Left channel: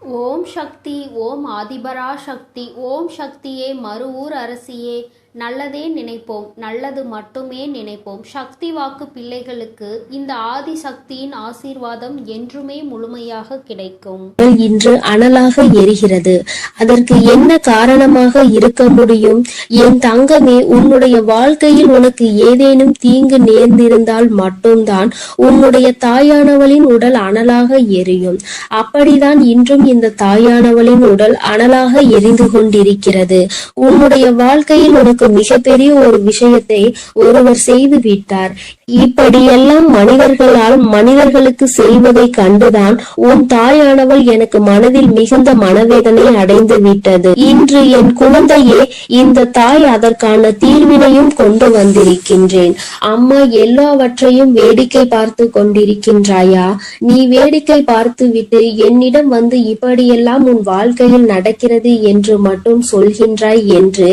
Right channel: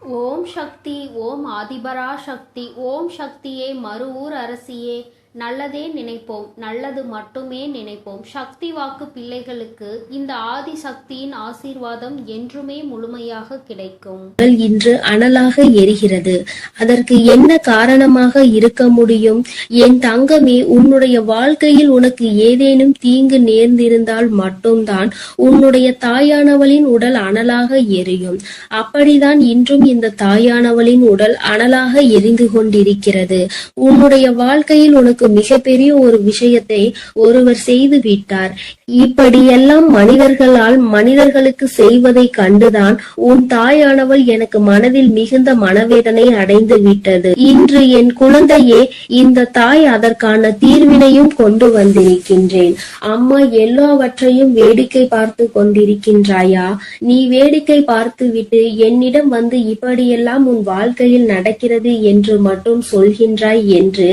ஓம் சக்தி. ஓம் ஆதிபரா சக்தி. ஓம் சக்தியே, மறுவூர் அரசியே, நல்லதே நினைப்போம், நல்லது மட்டுமே நினைப்போம். சக்தி வாக்கு பிள்ளைகளுக்கு இந்த ஆதி சக்தியின் ஆசீர்வாதம் என்றுமே முழுமையாக கிடைக்கும். இன்று அனலாக எரிகிறது. அதற்கு என்ன காரணமாக இருக்க முடியும்? என் தங்கமே, உன்னுடைய வாழ்க்கையில் உனக்கு ஏதேனும் தீங்கு நேர்ந்திருந்தால் மட்டும்தான் உன்னுடைய தாயானவளின் உடல் அனலாக எரியும். அப்படிதான் இன்றும் இந்த தாயானவளின் உடல் அனலாக எரிந்து கொண்டிருக்கிறது. உன்னுடைய வாழ்க்கையில் உனக்கு மிகப்பெரிய ஒரு விஷயத்தை ஒருவர் செய்து விட்டார். இப்படியெல்லாம் மனிதர்களுக்கு செய்வதை கண்டுதான் உன் தாயானவள் எனக்கு மனதில் மிகுந்த மனவேதனை அடைந்து விட்டது. இன்று என் குழந்தையே, இந்த தாய் அதற்கான தீர்வினையும் கொண்டு வந்திருக்கின்றேன். அம்மா எல்லாவற்றையும் வேடிக்கை பார்த்து கொண்டிருக்கின்றாயா? நீ வேடிக்கை பார்த்து விட்டு என்னிடம் வந்து இப்படியெல்லாம் உன் வாழ்க்கையில் நடக்கிறது என்று மட்டும் சொல்கின்றாய் என்று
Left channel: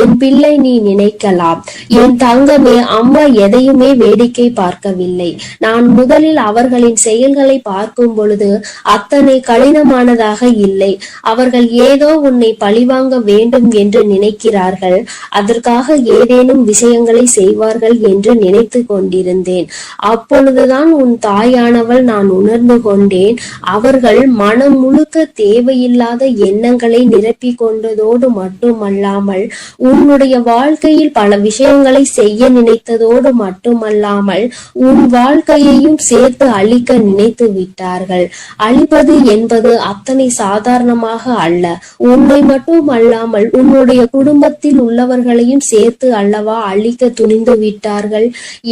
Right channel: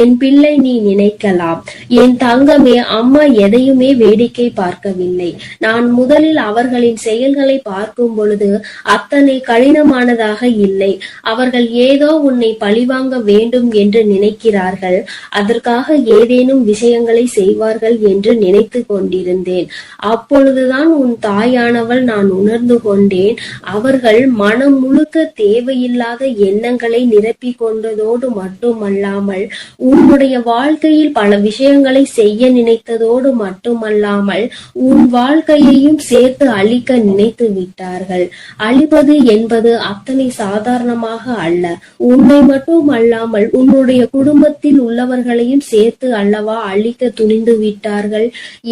என் பிள்ளை நீ நினைக்கலாம். என் தங்கமே, அம்மா எதையுமே வேடிக்கை பார்க்கவில்லை. நான் முதலில் அவர்களின் செயல்களை பார்க்கும் பொழுது அத்தனை கடினமானதாக இல்லை. அவர்கள் ஏதோ உன்னை பழிவாங்க வேண்டும் என்று நினைக்கிறார்கள். அதற்காக ஏதேனும் விஷயங்களை செய்வார்கள் என்று நினைத்து கொண்டிருந்தேன். அப்பொழுதுதான் உன் தாயானவள் நான் உணர்ந்து கொண்டேன். அவர்கள் மனம் முழுக்க தேவையில்லாத எண்ணங்களை நிரப்பிக் கொண்டதோடு மட்டுமல்லாமல் உன்னுடைய வாழ்க்கையில் பல விஷயங்களை செய்ய நினைத்ததோடு மட்டுமல்லாமல் உன் வாழ்க்கையையும் சேர்த்து அழிக்க நினைத்து விட்டார்கள். அழிப்பது என்பது அத்தனை சாதாரணமாக அல்ல. உன்னை மட்டும் அல்லாமல் உன்னுடைய குடும்பத்தில் உள்ளவர்களையும் சேர்த்து அல்லவா அழிக்க துணிந்து விட்டார்கள்.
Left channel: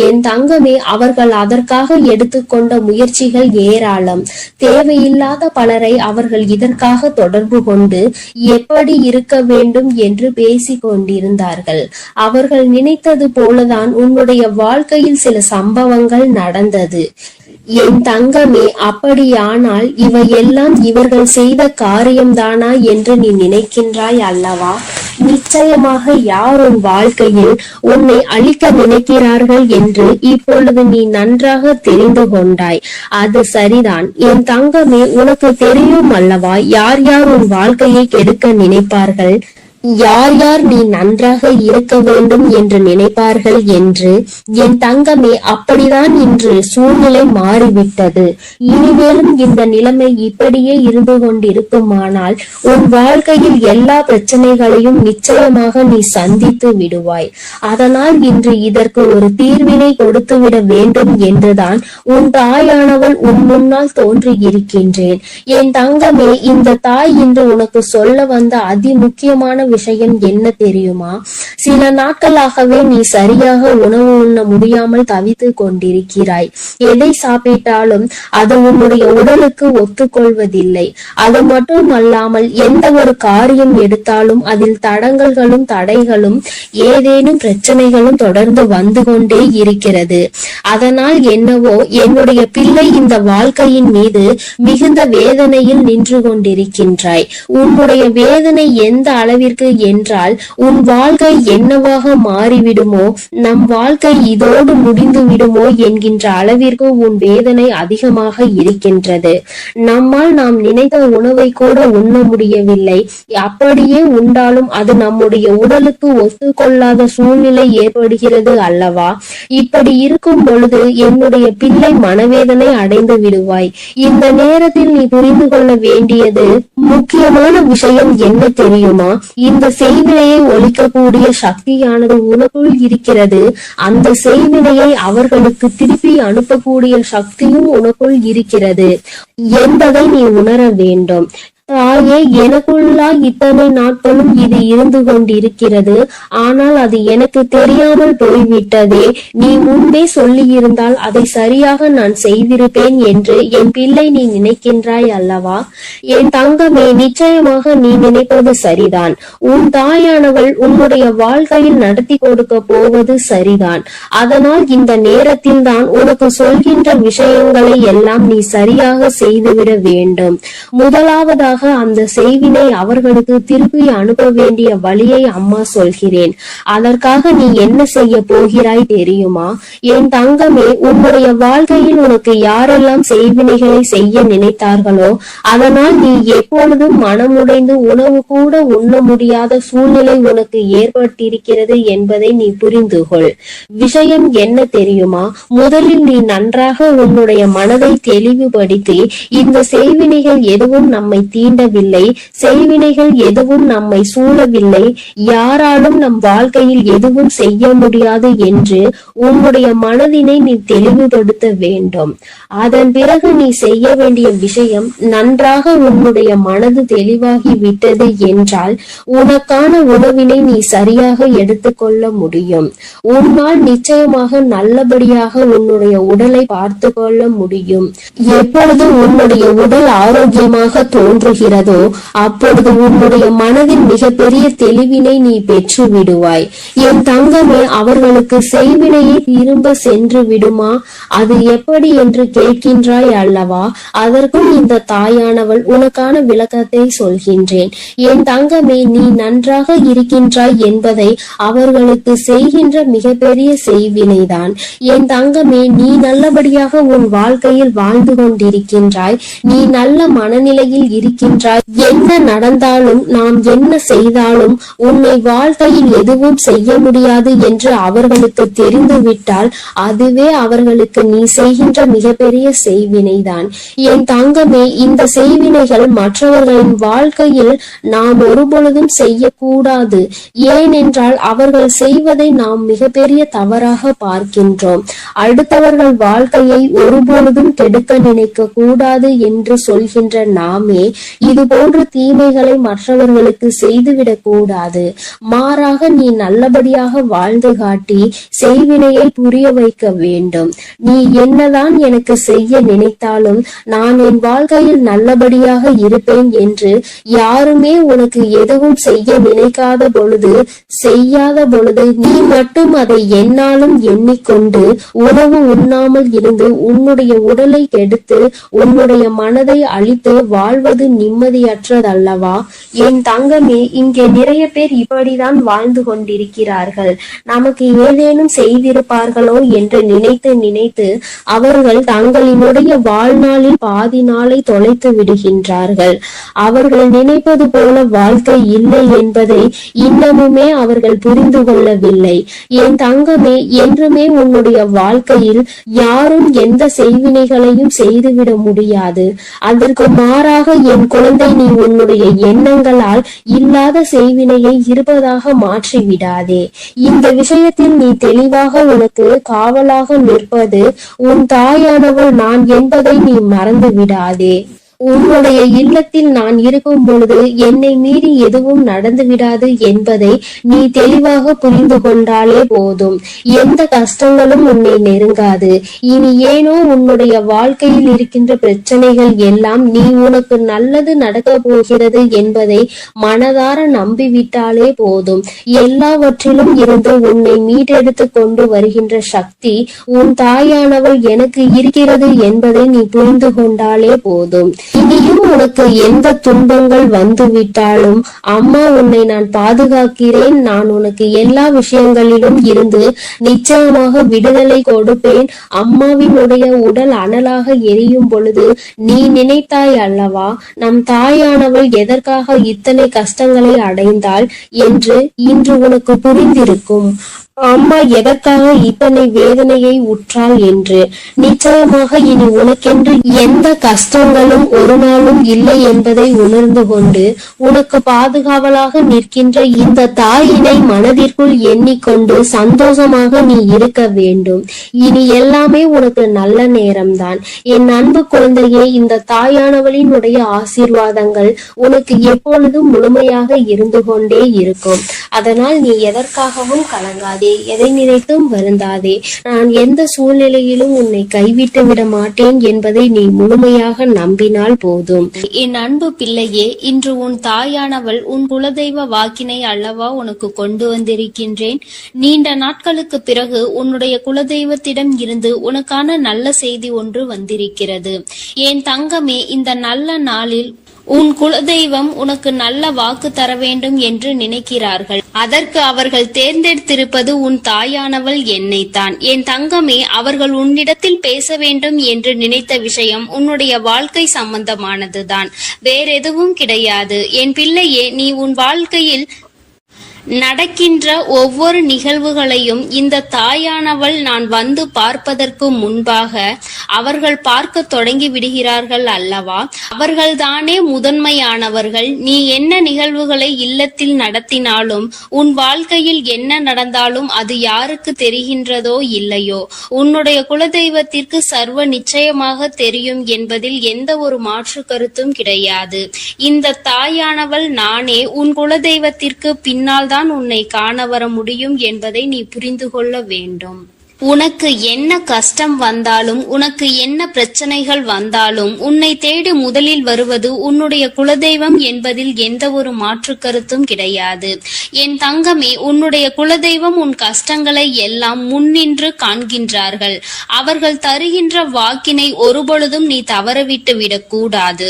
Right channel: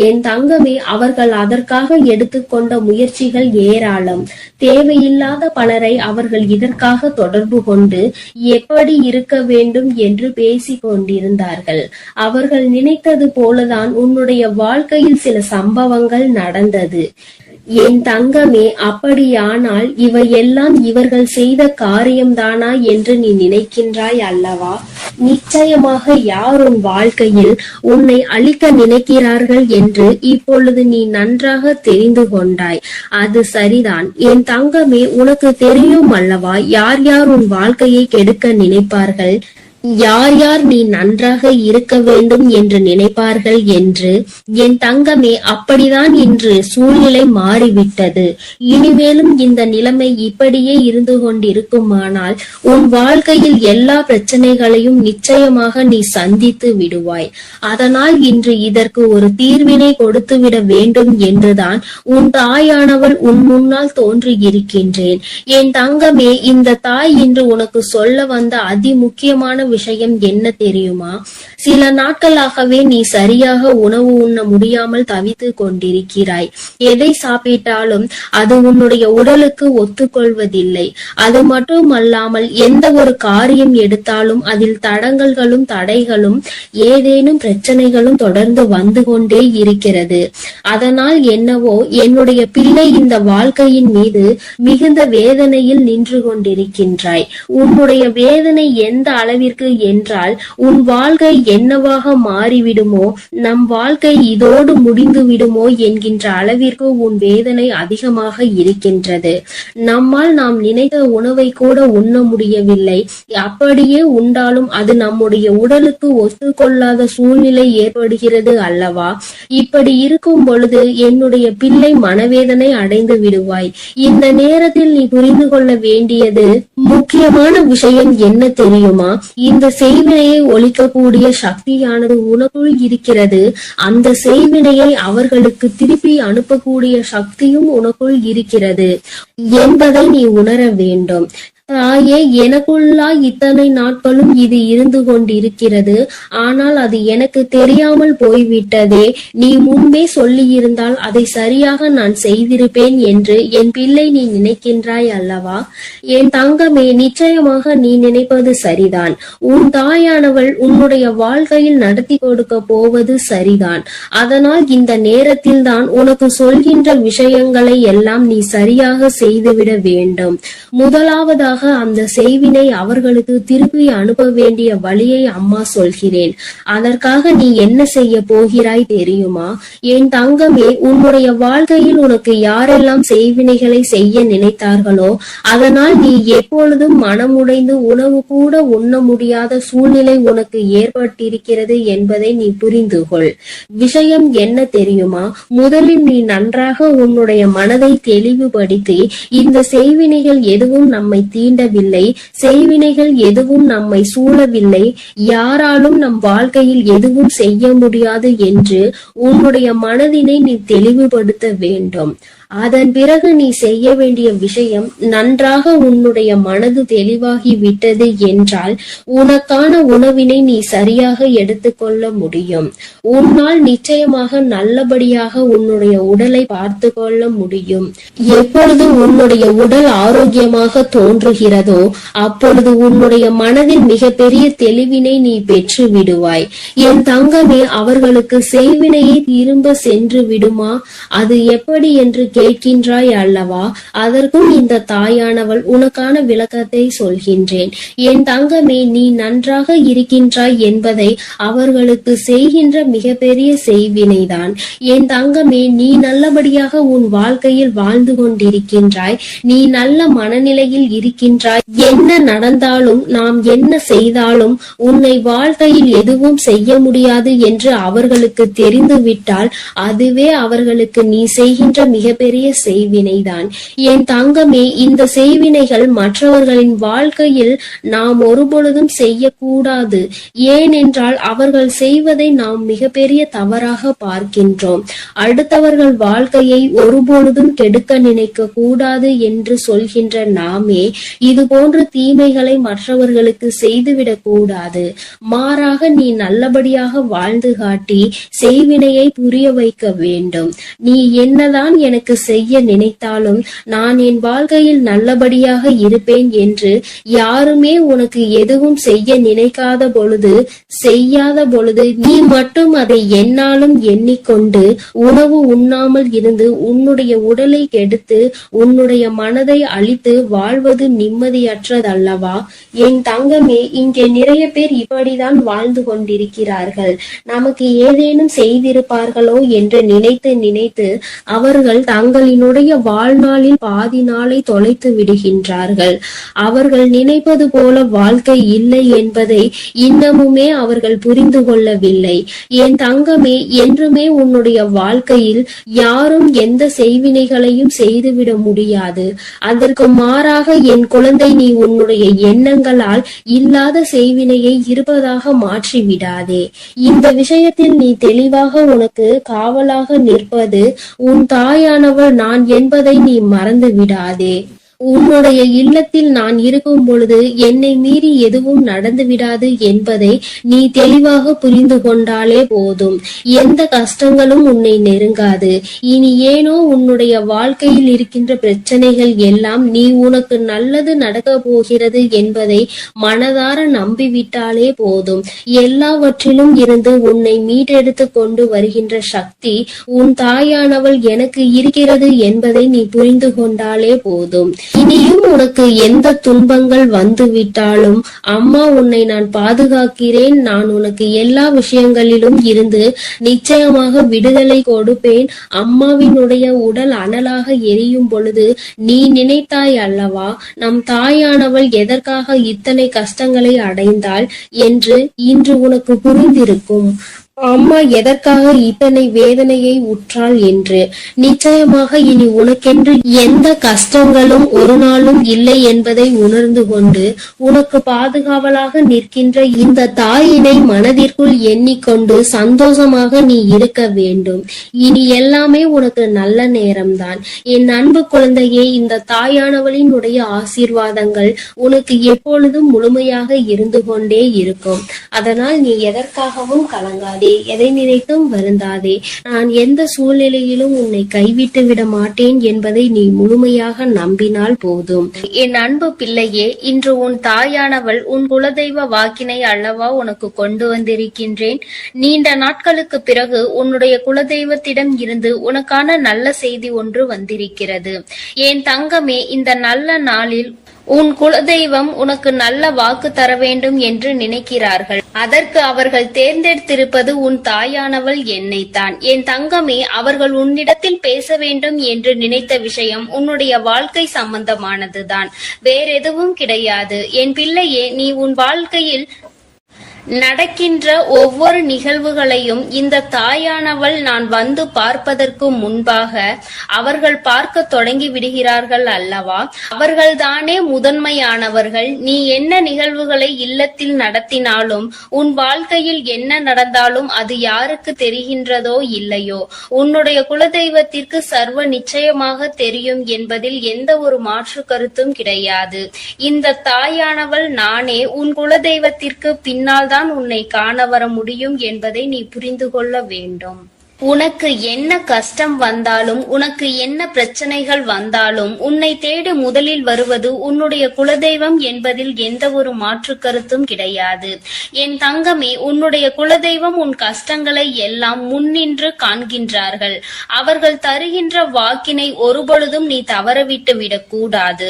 என் தங்கமே, அவர்கள் அதற்காக எடுத்துக்கொண்ட முயற்சிகள் ஏராளம். தேவையில்லாத பலரை அவர்கள் இதற்காக தொடர்பு கொண்டு எப்படி இருக்க வேண்டும் என்று பேசிக் கொண்டிருந்தார்கள். அவர்கள் நினைத்தது போலதான் உன்னுடைய வாழ்க்கையில் சில சம்பவங்கள் நடந்தது. என் தங்கமே, அப்படியானால் இவையெல்லாம் இவர்கள் செய்த காரியம்தானா என்று நீ நினைக்கின்றாய் அல்லவா? நிச்சயமாக யார் உன் வாழ்க்கையில் உன்னை அழிக்க நினைக்கிறார்கள் என்று இப்பொழுது நீ நன்றாக தெரிந்து கொண்டாய். அது சரிதான் என் தங்கமே. உனக்கு தெரியும் அல்லவா யார் யார் உன் வாழ்க்கையை கெடுக்க நினைப்பார்கள், யார் யார் நீ நன்றாக இருக்க வேண்டும் என்று நினைப்பார்கள் என்று. என் தங்கமே, அப்படிதான் இன்று சூழ்நிலை மாறிவிட்டது. இனிமேலும் இந்த நிலைமை இப்படியே இருந்து கொண்டிருக்குமானால் உன் வாழ்க்கையில் எல்லா பிரச்சனைகளையும் நிச்சயமாக நீ சந்தித்து விடுவாய். அதனால் இன்று இதற்கு ஒரு தீர்வினை கொடுத்து விட வேண்டும் என்றுதான் உன் தாயானவள் உன் முன்னால் தோன்றி இருக்கின்றேன். என் தங்கமே, இந்த தாய் இன்று உனக்கு சொல்ல வந்த அதி முக்கியமான விஷயம் என்ன தெரியுமா? சில நாட்களாகவே நீ சரியாக உணவு உண்ண முடியாமல் தவித்து கொண்டிருக்கிறாய். எதை சாப்பிட்டாலும் அது உன்னுடைய உடலுக்கு ஒத்துக்கொள்வதில்லை. அது மட்டும் அல்லாமல் எந்த ஒரு காரியம் எடுத்தாலும் அதில் தடங்கல்களும் தடைகளும் ஏதேனும் பிரச்சனைகளும் தொடர்ந்து வந்து கொண்டே இருக்கிறது. அதனால் என்னவோ என்னுடைய பிள்ளை இந்த வாழ்க்கையின் மீது மிகுந்த வேதனையில் நின்று கொண்டிருக்கின்றாய். உன்னுடைய வேதனை எந்த அளவிற்கு என்றால் உன் வாழ்க்கை என்னவாக மாறிவிடுமோ, நம் வாழ்க்கை இதோடு முடிந்து விடுமோ என்கின்ற அளவிற்கு உன் வேதனை அதிகமாக இருக்கின்றது. நம்மால் நாம் நினைத்த உணவை கூட உண்ண முடியவில்லை. அப்படியே உண்டாலும் அது நம்முடைய உடலுக்கு ஒத்துக்கொள்ளாத சூழ்நிலை ஏற்படுகிறது அல்லவா? இப்படி இருக்கும் பொழுது என்னுடைய பிள்ளை மனவேதனை அடைந்து விடுவாய். இந்த நேரத்தில் நீ புரிந்து கொள்ள வேண்டியது முக்கியமான விஷயம் என்ன தெரியுமா? இந்த செய்வினையை ஒழிக்கக்கூடிய சக்தியானது உனக்குள் இருக்கிறது. அந்த செய்வினையை அவர்களுக்கு திருப்பி அனுப்பக்கூடிய சக்தியும் உனக்குள் இருக்கிறது என்பதை நீ உணர வேண்டும். தாயே, எனக்குள்ளா இத்தனை நாட்களும் இது இருந்து கொண்டிருக்கிறது. ஆனால் அது எனக்கு தெரியாமல் போய்விட்டதே. நீ முன்பே சொல்லி இருந்தால் அதை சரியாக நான் செய்திருப்பேன் என்று என் பிள்ளை நீ நினைக்கின்றாய் அல்லவா? என் தங்கமே, நிச்சயமாக நீ நினைப்பது சரிதான். உன் தாயானவள் உன்னுடைய வாழ்க்கையில் நடத்தி கொடுக்க போவது சரிதான். அதனால் இந்த நேரத்தில் தான் உனக்கு சொல்கின்ற விஷயங்களை எல்லாம் நீ சரியாக செய்துவிட வேண்டும். முதலாவதாக அந்த செய்வினை அவர்களுக்கு திருப்பி அனுப்ப வேண்டிய வழியை அம்மா சொல்கிறேன். அதற்காக நீ என்ன செய்ய போகிறாய் தெரியுமா? என் தங்கமே, உன்னுடைய வாழ்க்கையில் உனக்கு யாரெல்லாம் செய்வினைகளை செய்ய நினைத்தார்களோ அதனால் நீ எப்பொழுதும் மனமுடைந்து உணவு கூட உண்ண முடியாத சூழ்நிலை உனக்கு ஏற்பட்டிருக்கிறது என்பதை நீ புரிந்து கொள். விஷயம் என்ன தெரியுமா? முதலில் நீ நன்றாக உன்னுடைய மனதை தெளிவுபடுத்தி, இந்த செய்வினைகள் எதுவும் நம்மை தீண்டவில்லை, செய்வினைகள் எதுவும் நம்மை சூழவில்லை, யாராலும் நம் வாழ்க்கையில் எதுவும் செய்ய முடியாது என்று உன்னுடைய மனதினை நீ தெளிவுபடுத்த வேண்டும். அதன் பிறகு நீ செய்ய வேண்டிய விஷயம், நன்றாக உன்னுடைய மனது தெளிவாகி விட்டது என்றால் உனக்கான உணவினை நீ சரியாக எடுத்துக்கொள்ள முடியும். உன்னால் நிச்சயமாக நல்லபடியாக உன்னுடைய உடலை பார்த்து கொள்ள முடியும். எப்பொழுது உன்னுடைய உடல் ஆரோக்கியமாக தோன்றுகிறதோ அப்பொழுது உன்னுடைய மனதில் மிகப்பெரிய தெளிவினை நீ பெற்று விடுவாய். என் தங்கமே, அவர்களுக்கு செய்வினையை திரும்ப சென்று விடுமா? அது எப்படி என்று கேட்கின்றாய் அல்லவா? அதற்கும் இந்த தாயானவள் உனக்கான விளக்கத்தை சொல்கின்றேன். என் தங்கமே, நீ நன்றாக இருக்கின்றாய் என்பதை அவர்களுக்கு செய்கின்ற மிகப்பெரிய செய்வினைதான். என் தங்கமே, நீ நல்லபடியாக உன் வாழ்க்கையில் வாழ்ந்து கொண்டிருக்கின்றாய், நீ நல்ல மனநிலையில் இருக்கின்றாய். என்ன நடந்தாலும், நாம் என்ன செய்தாலும் உன்னை வாழ்க்கையில் எதுவும் செய்ய முடியாது என்று அவர்களுக்கு தெரிந்துவிட்டால் அதுவே அவர்களுக்கு நீ செய்கின்ற மிகப்பெரிய செய்வினைதான். என் தங்கமே, இந்த செய்வினைகள் மற்றவர்களின் வாழ்க்கையில் நாம் ஒருபொழுதும் செய்யக்கூடாது. ஏனென்றால் அவர்கள் செய்வதை நாம் மிகப்பெரிய தவறாக பார்க்கின்றோம். அடுத்தவர்கள் வாழ்க்கையை ஒருபொழுதும் கெடுக்க நினைக்க கூடாது என்று சொல்கின்ற நாமே இது போன்ற தீமைகளை மற்றவர்களுக்கு செய்துவிடக் கூடாது. மாறாக நீ நல்லபடியாக வாழ்ந்து காட்டி செய்வினையை புரிய வைக்க வேண்டும். நீ என்னதான் எனக்கு செய்ய நினைத்தாலும் நான் என் வாழ்க்கையில் நல்லபடியாக இருப்பேன் என்று யாருமே உனக்கு எதுவும் செய்ய நினைக்காத பொழுது, செய்யாத பொழுது நீ மட்டும் அதை என்னாலும் எண்ணிக்கொண்டு உணவு உண்ணாமல் இருந்து உன்னுடைய உடலை கெடுத்து உன்னுடைய மனதை அழித்து வாழ்வது நிம்மதியற்றதல்லவா? என் தங்கமே, இங்கே நிறைய பேர் இப்படிதான் வாழ்ந்து கொண்டிருக்கிறார்கள். நமக்கு ஏதேனும் செய்திருப்பார்களோ என்று நினைத்து நினைத்து அவர்கள் தங்களினுடைய வாழ்நாளில் பாதி நாளை தொலைத்து விடுகின்றார்கள். அவர்கள் நினைப்பது போல வாழ்க்கை இல்லை என்பதை இன்னமுமே அவர்கள் புரிந்து கொள்ளவில்லை. என் தங்கமே, என்றுமே உன்னுடைய வாழ்க்கையில் யாரும் எந்த செய்வினைகளையும் செய்துவிட முடியாது. அதற்கு மாறாக என் குழந்தை, நீ உன்னுடைய எண்ணங்களால் இல்லாத செய்வினையை இருப்பதாக மாற்றி விடாதே. இந்த விஷயத்தில் நீ தெளிவாக உனக்கு காவலாக நிற்பது உன் தாயானவள் நான் என்பதை நீ மறந்து விடாதே. உன்னுடைய இல்லத்தில் நான் இருக்கும் பொழுது என்னை மீறி எதுவும் நடந்து விடாது என்பதை நீ தெளிவாக புரிந்து கொண்டாலே போதும். எந்த கஷ்டங்களும் உன்னை நெருங்காது. இனி ஏனோ உன்னுடைய வாழ்க்கையில் இருக்கின்ற பிரச்சனைகள் எல்லாம் நீ உனக்கு நல்லது நடக்க போகிறது என்பதை மனதார நம்பிவிட்டாலே போதும். எல்லாவற்றிலும் இருந்து உன்னை மீட்டெடுத்து கொண்டு வருகின்ற சக்தி உன் தாயானவள் எனக்கு இருக்கிறது என்பதை நீ புரிந்து கொண்டாலே போதும். இனியும் உனக்கு எந்த துன்பங்கள் வந்துவிட்டாலும் அம்மா உன்னை நான் பாதுகாக்கிறேன். நான் உனக்கு எல்லா விஷயங்களிலும் இருந்து நிச்சயமாக விடுதலை கொடுப்பேன். அம்மாவினுடைய உடல் அனலாக எரியும் பொழுது நீ நினைத்தாய் அல்லவா, நம் தாயானவள் எதற்காக இத்தனை கஷ்டங்களை அடைந்தாள் என்று இன்று உனக்கு புரிந்திருக்கும். அம்மா எதற்காக இத்தனை வேதனையை உற்றாள் என்று. நிச்சயமாக இனி உனக்கென்று எந்த கஷ்டங்களும் ஒரு நாளும் இல்லை என்பதை உணர்ந்து கொண்டு உனக்கு பாதுகாவலாக நிற்கின்ற இந்த தாயினை மனதிற்குள் எண்ணிக்கொண்டு சந்தோஷமாக நீ இருக்க வேண்டும். இனி எல்லாமே உனக்கு நல்ல நேரம்தான். என் அன்பு குழந்தையே, இந்த தாயானவளினுடைய ஆசீர்வாதங்கள் உனக்கு எப்பொழுதும் முழுமையாக இருந்து கொண்டே இருக்கும். அதனால் நீ எதற்காகவும் கலங்காதே, எதை நினைத்தும் வருந்தாதே. நான் எந்த சூழ்நிலையிலும் உன்னை கைவிட்டு விட மாட்டேன் என்பதை நீ முழுமையாக நம்பினால் போதும். என் அன்பு பிள்ளையே, இன்று உன் தாயானவள் உன் குலதெய்வ வாக்கினை அல்லவா உனக்கு கொண்டு வந்திருக்கின்றேன். நீண்ட நாட்களுக்கு பிறகு உன்னுடைய குலதெய்வத்திடம் இருந்து உனக்கான நல்ல செய்தி ஒன்று வந்திருக்கிறது. என் தங்கமே, இந்த நல்ல நாளில் உன் குலதெய்வம் உனக்கு நல்ல வாக்கு தர வேண்டும் என்று நினைக்கிறார்கள். அதற்கு அவர்கள் தேர்ந்தெடுத்திருப்பது உன் தாயானவள் என்னைத்தான். என் தங்கமே, அவர்கள் உன்னிடத்தில் பேச வேண்டும் என்று நினைத்த விஷயம் உன்னுடைய வாழ்க்கை சம்பந்தமானதுதான், வேறெதுவும் கிடையாது. என் பிள்ளையே, நீ உன் வாழ்க்கையில் நடக்கின்ற ஒவ்வொரு நிகழ்வுகளையும் இந்த தாயானவள் நான் வந்து பார்ப்பதற்கு முன்பாக அவர்கள் பார்க்க தொடங்கி விடுகிறார்கள் அல்லவா? அவர்கள்தானே முதன்மையானவர்கள். நீ என்ன நிகழ்வுகளை இல்லத்தில் நடத்தினாலும், உன் வாழ்க்கையில் என்ன நடந்தாலும் அது யாருக்கு தெரிகின்றதோ இல்லையோ, உன்னுடைய குலதெய்வத்திற்கு சர்வ நிச்சயமாக தெரியும் என்பதில் எந்த ஒரு மாற்று கருத்தும் கிடையாது. இந்த தாயானவள் நானே உன் குலதெய்வத்திற்கு பின்னால் உன்னை காண வர முடியும் என்பதை நீ புரிந்து கொள்ள வேண்டும். உனக்கு என்ன கஷ்டம் வந்தாலும், உனக்கு என்ன பிரச்சனைகள் வந்தாலும், உன்னை தேடி முதலில் வருவது உன்னுடைய குலதெய்வம் என்பதில் எந்த ஒரு மாற்று கருத்தும் கிடையாது. என் தங்கமே, உன்னுடைய குலதெய்வம் உன் கஷ்டங்களை எல்லாம் முன்னின்று காண்கின்றார்கள். அவர்கள் தருகின்ற வாக்கினை ஒருபொழுதும் நீ தவறவிட்டு விடக்கூடாது.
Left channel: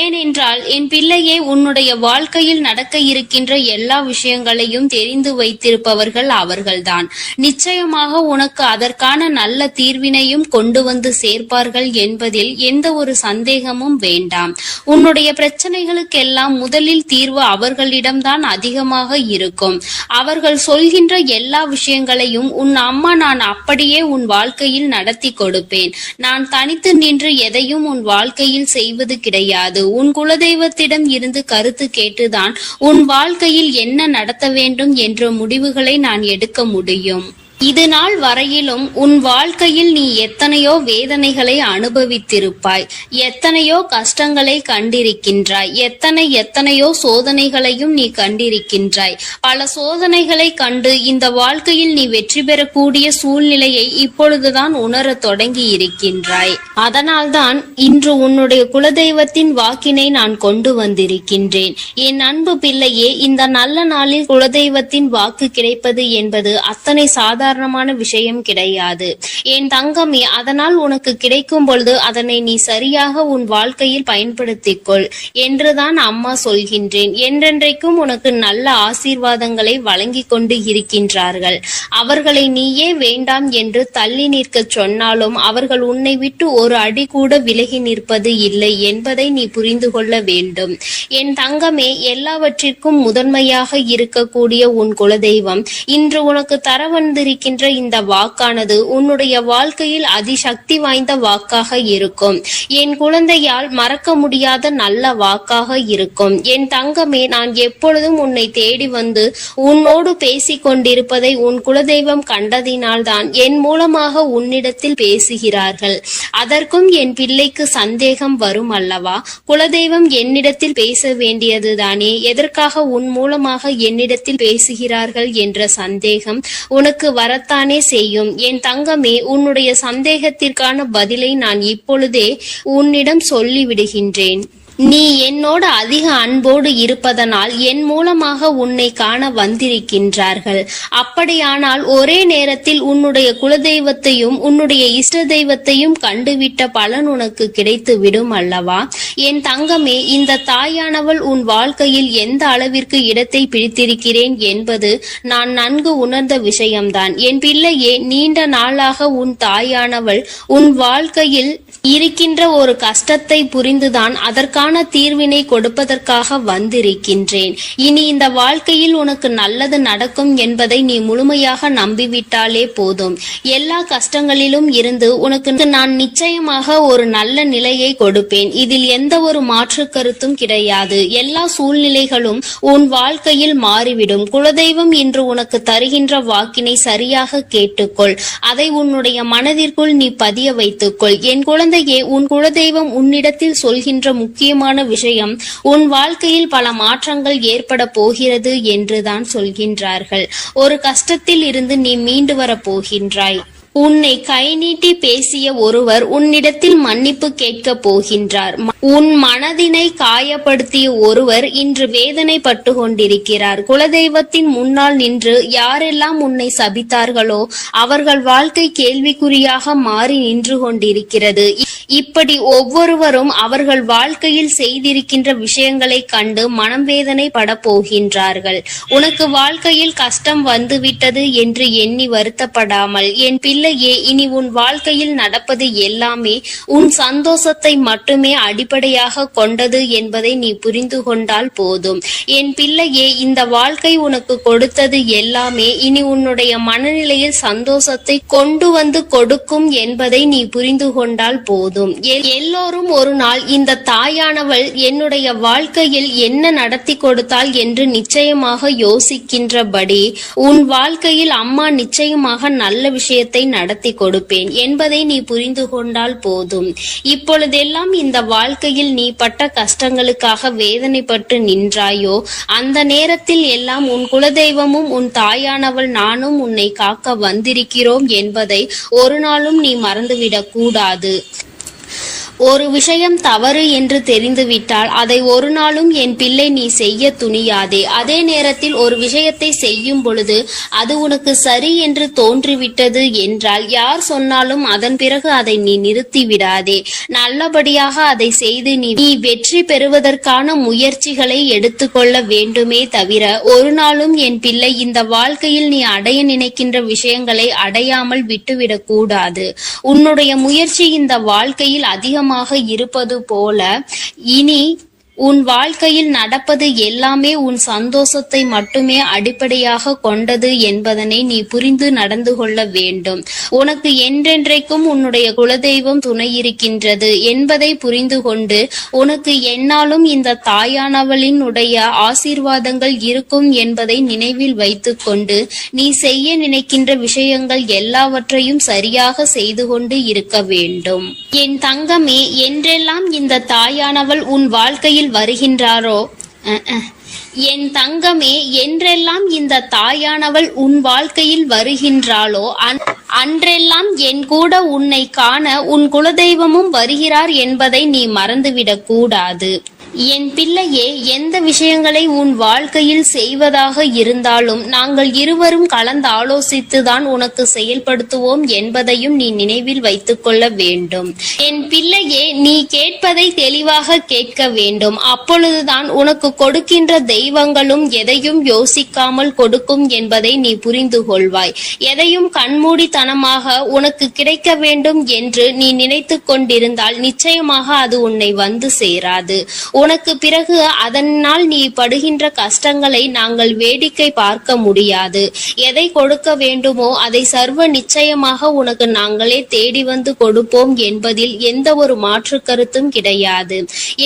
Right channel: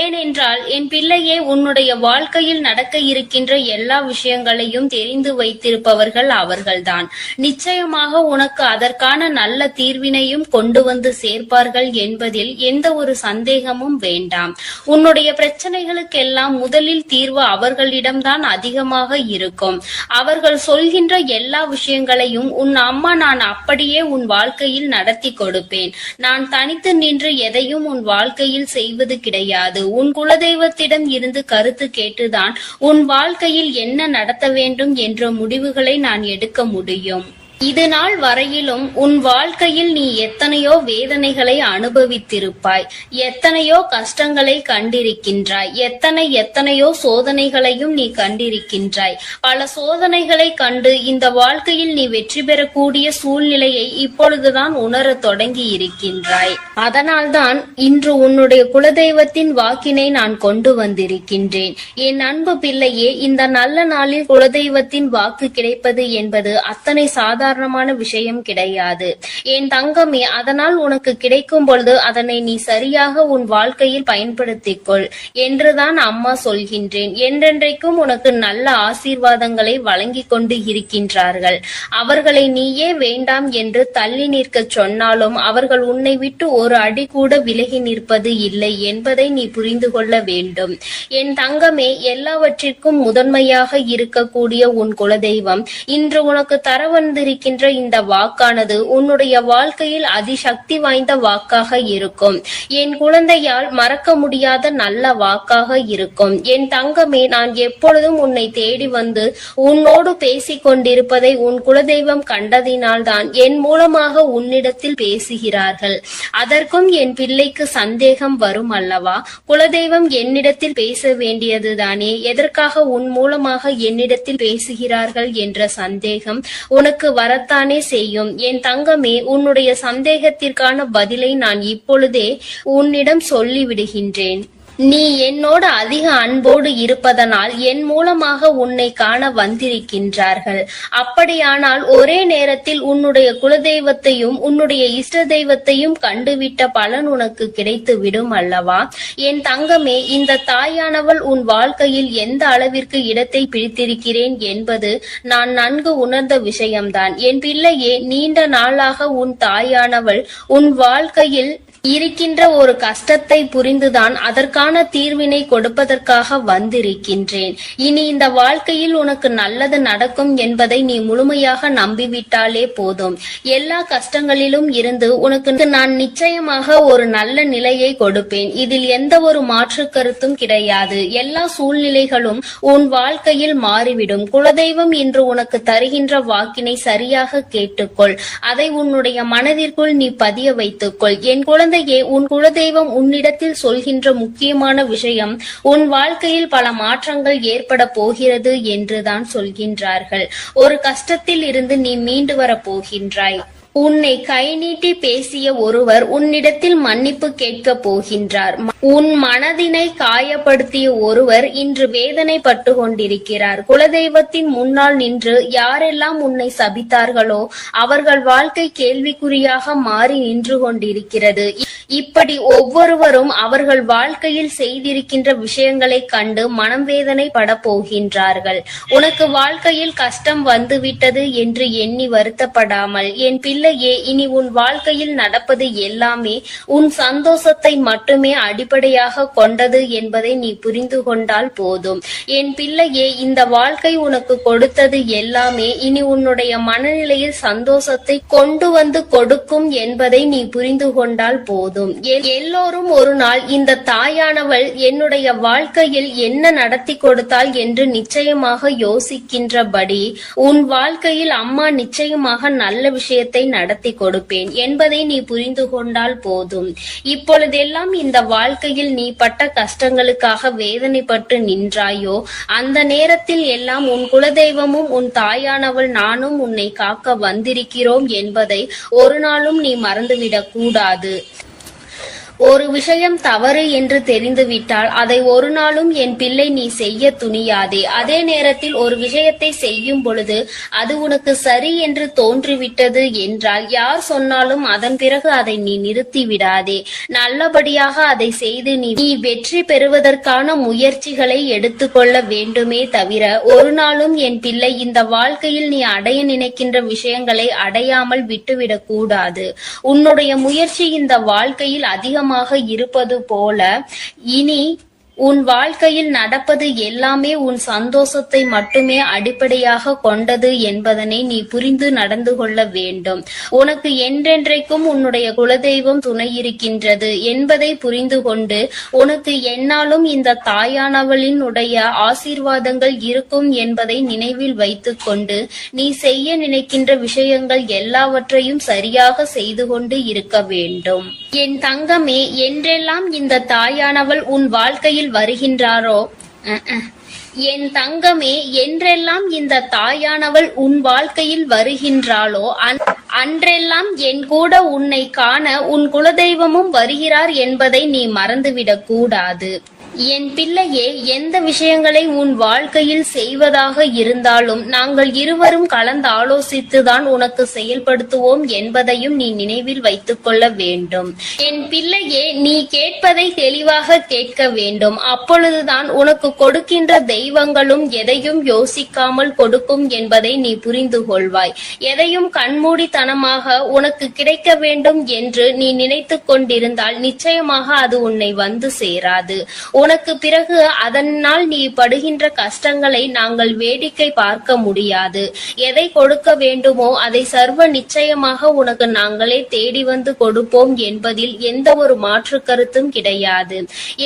ஏனென்றால் என் பிள்ளையே, உன்னுடைய வாழ்க்கையில் நடக்க இருக்கின்ற எல்லா விஷயங்களையும் தெரிந்து வைத்திருப்பவர்கள் அவர்கள்தான். நிச்சயமாக உனக்கு அதற்கான நல்ல தீர்வினையும் கொண்டு வந்து சேர்ப்பார்கள் என்பதில் எந்த ஒரு சந்தேகமும் வேண்டாம். உன்னுடைய பிரச்சனைகளுக்கெல்லாம் முதலில் தீர்வு அவர்களிடம்தான் அதிகமாக இருக்கும். அவர்கள் சொல்கின்ற எல்லா விஷயங்களையும் உன் அம்மா நான் அப்படியே உன் வாழ்க்கையில் நடத்தி கொடுப்பேன். நான் தனித்து நின்று எதையும் உன் வாழ்க்கையில் செய்வது கிடையாது. உன் குலதெய்வத்திடம் இருந்து கருத்து கேட்டுதான் உன் வாழ்க்கையில் என்ன நடத்த வேண்டும் என்ற முடிவுகளை நான் எடுக்க முடியும். இது நாள் வரையிலும் உன் வாழ்க்கையில் நீ எத்தனையோ வேதனைகளை அனுபவித்திருப்பாய், எத்தனையோ கஷ்டங்களை கண்டிருக்கின்றாய், எத்தனையோ சோதனைகளையும் நீ கண்டிருக்கின்றாய். பல சோதனைகளை கண்டு இந்த வாழ்க்கையில் நீ வெற்றி பெறக்கூடிய சூழ்நிலையை இப்பொழுதுதான் உணர தொடங்கி இருக்கின்றாய். அதனால்தான் இன்று உன்னுடைய குலதெய்வத்தின் வாக்கினை நான் கொண்டு வந்திருக்கின்றேன். என் அன்பு பிள்ளையே, இந்த நல்ல நாளில் குலதெய்வத்தின் வாக்கு கிடைப்பது என்பது அத்தனை சாதாரண விஷயம் கிடையாது என் தங்கமே. அதனால் உனக்கு கிடைக்கும் பொழுது அதனை நீ சரியாக உன் வாழ்க்கையில் பயன்படுத்திக் கொள் என்றுதான் அம்மா சொல்கின்றேன். என்றென்றைக்கும் உனக்கு நல்ல ஆசீர்வாதங்களை வழங்கி கொண்டு இருக்கின்றார்கள். அவர்களை நீயே வேண்டாம் என்று தள்ளி நிற்க சொன்னாலும் அவர்கள் உன்னை விட்டு ஒரு அடி கூட விலகி நிற்பது இல்லை என்பதை நீ புரிந்து கொள்ள வேண்டும். என் தங்கமே, எல்லாவற்றிற்கும் முதன்மையாக இருக்கக்கூடிய உன் குலதெய்வம் இன்று உனக்கு தர வந்திருக்கின்ற இந்த வாக்கானது உன்னுடைய வாழ்க்கையில் அதிசக்தி வாய்ந்த வாக்காக இருக்கும். என் குழந்தையால் மறக்க முடியாத நல்ல வாக்காக இருக்கும். என் தங்கமே, நான் எப்பொழுதும் உன்னை தேடி வந்து உன்னோடு பேசிக் கொண்டிருப்பதை உன் குலதெய்வம் கண்டதினால்தான் என் மூலமாக உன்னிடத்தில் பேசுகிறார்கள். அதற்கும் என் பிள்ளைக்கு சந்தேகம் வரும் அல்லவா? குலதெய்வம் என்னிடத்தில் பேச வேண்டியதுதானே, எதற்காக உன் மூலமாக என்னிடத்தில் பேசுகிறார்கள் என்ற சந்தேகம் உனக்கு வரத்தானே செய்யும். என் தங்கமே, உன்னுடைய சந்தேகத்திற்கான பதிலை நான் இப்பொழுதே உன்னிடம் சொல்லிவிடுகின்றேன். நீ என்னோடு அதிக அன்போடு இருப்பதனால் என் மூலமாக உன்னை காண வந்திருக்கின்றார்கள். அப்படியானால் ஒரே நேரத்தில் உன்னுடைய குலதெய்வத்தையும் உன்னுடைய இஷ்ட தெய்வத்தையும் கண்டுவிட்ட பலன் உனக்கு கிடைத்து விடும் அல்லவா? என் தங்கமே, இந்த தாயானவள் உன் வாழ்க்கையில் எந்த அளவிற்கு இடத்தை பிடித்திருக்கிறேன் என்பது நான் நன்கு உணர்ந்த விஷயம்தான். என் பிள்ளையே, நீண்ட நாளாக உன் தாயானவள் உன் வாழ்க்கையில் இருக்கின்ற ஒரு கஷ்டத்தை புரிந்துதான் அதற்கான தீர்வினை கொடுப்பதற்காக வந்திருக்கின்றேன். இனி இந்த வாழ்க்கையில் உனக்கு நல்லது நடக்கும் என்பதை நீ முழுமையாக நம்பிவிட்டாலே போதும். எல்லா கஷ்டங்களிலும் இருந்து உனக்கு நான் நிச்சயமாக ஒரு நல்ல நிலையை கொடுப்பேன். இதில் எந்த ஒரு மாற்று கருத்தும் கிடையாது. எல்லா சூழ்நிலைகளும் உன் வாழ்க்கையில் மாறிவிடும். குலதெய்வம் இன்று உனக்கு தருகின்ற வாக்கினை சரியாக கேட்டுக்கொள். அதை உன்னுடைய மனதிற்குள் நீ பதிய வைத்துக்கொள். என் குழந்தையே, உன் குலதெய்வம் உன்னிடத்தில் சொல்கின்ற முக்கியமான விஷயம் உன் வாழ்க்கையில் பல மாற்றங்கள் ஏற்பட போகிறது என்றுதான் சொல்கின்றார்கள். ஒரு கஷ்டத்தில் இருந்து நீ மீண்டு வர போகின்றாய். உன்னை கை நீட்டி பேசிய ஒருவர் உன்னிடத்தில் மன்னிப்பு கேட்கப் போகின்றார். உன் மனதினை காயப்படுத்திய ஒருவர் இன்று வேதனைப்பட்டு கொண்டிருக்கிறார். குலதெய்வத்தின் முன்னால் நின்று யாரெல்லாம் உன்னை சபித்தார்களோ அவர்கள் வாழ்க்கை கேள்விக்குறியாக மாறி நின்று கொண்டிருக்கிறது. இப்படி ஒவ்வொருவரும் அவர்கள் வாழ்க்கையில் செய்திருக்கின்ற விஷயங்களை கண்டு மனம் வேதனை பட போகின்றார்கள். உனக்கு வாழ்க்கையில் கஷ்டம் வந்துவிட்டது என்று எண்ணி வருத்தப்படாமல், என் பிள்ளையே, இனி உன் வாழ்க்கையில் நடப்பது எல்லாமே உன் சந்தோஷத்தை மட்டுமே அடிப்படையாக கொண்டது என்பதை நீ புரிந்து கொண்டால் போதும். என் பிள்ளையே, இந்த வாழ்க்கை உனக்கு கொடுத்தது எல்லாமே இனி உன்னுடைய மனநிலையில் சந்தோஷத்தை கொண்டு வந்து கொடுக்கும் என்பதை நீ புரிந்து கொண்டால் போதும். எல்லோரும் ஒரு நாள் இந்த தாயானவள் என்னுடைய வாழ்க்கையில் என்ன நடத்தி கொடுத்தாள் என்று நிச்சயமாக யோசிக்கின்றபடி உன் வாழ்க்கையில் அம்மா நிச்சயமாக நல்ல விஷயத்தை நடத்தி கொடுப்பேன் என்பதை நீ புரிந்து கொண்டால் போதும். இப்பொழுதெல்லாம் இந்த வாழ்க்கையில் நீ பட்ட கஷ்டங்களுக்காக வேதனைப்பட்டு நின்றாயோ, அந்த நேரத்தில் எல்லாம் உன் குலதெய்வமும் உன் தாயானவள் நானும் உன்னை காக்க வந்திருக்கிறோம் என்பதை ஒரு நாளும் நீ மறந்துவிடக் கூடாது. ஒரு விஷயம் தவறு என்று தெரிந்துவிட்டால் அதை ஒரு நாளும் என் பிள்ளை நீ செய்ய துணியாதே. அதே நேரத்தில் ஒரு விஷயத்தை செய்யும் பொழுது அது உனக்கு சரி என்று தோன்றிவிட்டது என்றால் யார் சொன்னாலும் அதன் பிறகு அதை நீ நிறுத்தி விடாதே. நல்லபடியாக அதை செய்து நீ வெற்றி பெறுவதற்கான முயற்சிகளை எடுத்துக்கொள்ள வேண்டுமே தவிர ஒரு நாளும் என் பிள்ளை இந்த வாழ்க்கையில் நீ அடைய நினைக்கின்ற விஷயங்களை அடையாமல் விட்டுவிடக் கூடாது. உன்னுடைய முயற்சி இந்த வாழ்க்கையில் அதிகமாக இருப்பது போல இனி உன் வாழ்க்கையில் நடப்பது எல்லாமே உன் சந்தோஷத்தை மட்டுமே அடிப்படையாக கொண்டது என்பதனை நீ புரிந்து நடந்து கொள்ள வேண்டும். உனக்கு என்றென்றைக்கும் உன்னுடைய குலதெய்வம் துணை இருக்கின்றது என்பதை புரிந்து கொண்டு உனக்கு என்னாலும் இந்த தாயானவளின் உடைய ஆசீர்வாதங்கள் இருக்கும் என்பதை நினைவில் வைத்து கொண்டு நீ செய்ய நினைக்கின்ற விஷயங்கள் எல்லாவற்றையும் சரியாக செய்து கொண்டு இருக்க வேண்டும். என் தங்கமே, என்றெல்லாம் இந்த தாயானவள் உன் வாழ்க்கையில் வருகின்றாரோ, என் தங்கமே, என்றெல்லாம் இந்த தாயானவள் உன் வாழ்க்கையில் வருகின்றாளோ அன்றெல்லாம் என் கூட உன்னை காண உன் குலதெய்வமும் வருகிறார் என்பதை நீ மறந்துவிடக் கூடாது. என் பிள்ளையே, எந்த விஷயங்களை உன் வாழ்க்கையில் செய்வதாக இருந்தாலும் நாங்கள் இருவரும் கலந்து ஆலோசித்துதான் உனக்கு செயல்படுத்துவோம் என்பதையும் நீ நினைவில் வைத்துக் கொள்ள வேண்டும். என் பிள்ளையே, நீ கேட்பதை தெளிவாக கேட்க வேண்டும். அப்பொழுதுதான் உனக்கு கொடுக்கின்ற தெய்வங்களும் எதையும் யோசிக்காமல் கொடுக்கும் என்பதை நீ புரிந்து கொள்வாய். எதையும் கண்மூடித்தனமாக உனக்கு கிடைக்க வேண்டும் என்று நீ நினைத்து கொண்டிருந்தால் நிச்சயமாக அது உன்னை வந்து சேராது. உனக்கு பிறகு அதனால் நீ படுகின்ற கஷ்டங்களை நாங்கள் வேடிக்கை பார்க்க முடியாது. எதை கொடுக்க வேண்டுமோ அதை சர்வ நிச்சயமாக உனக்கு நாங்களே தேடி வந்து கொடுப்போம் என்பதில் எந்த ஒரு மாற்று கருத்தும் கிடையாது.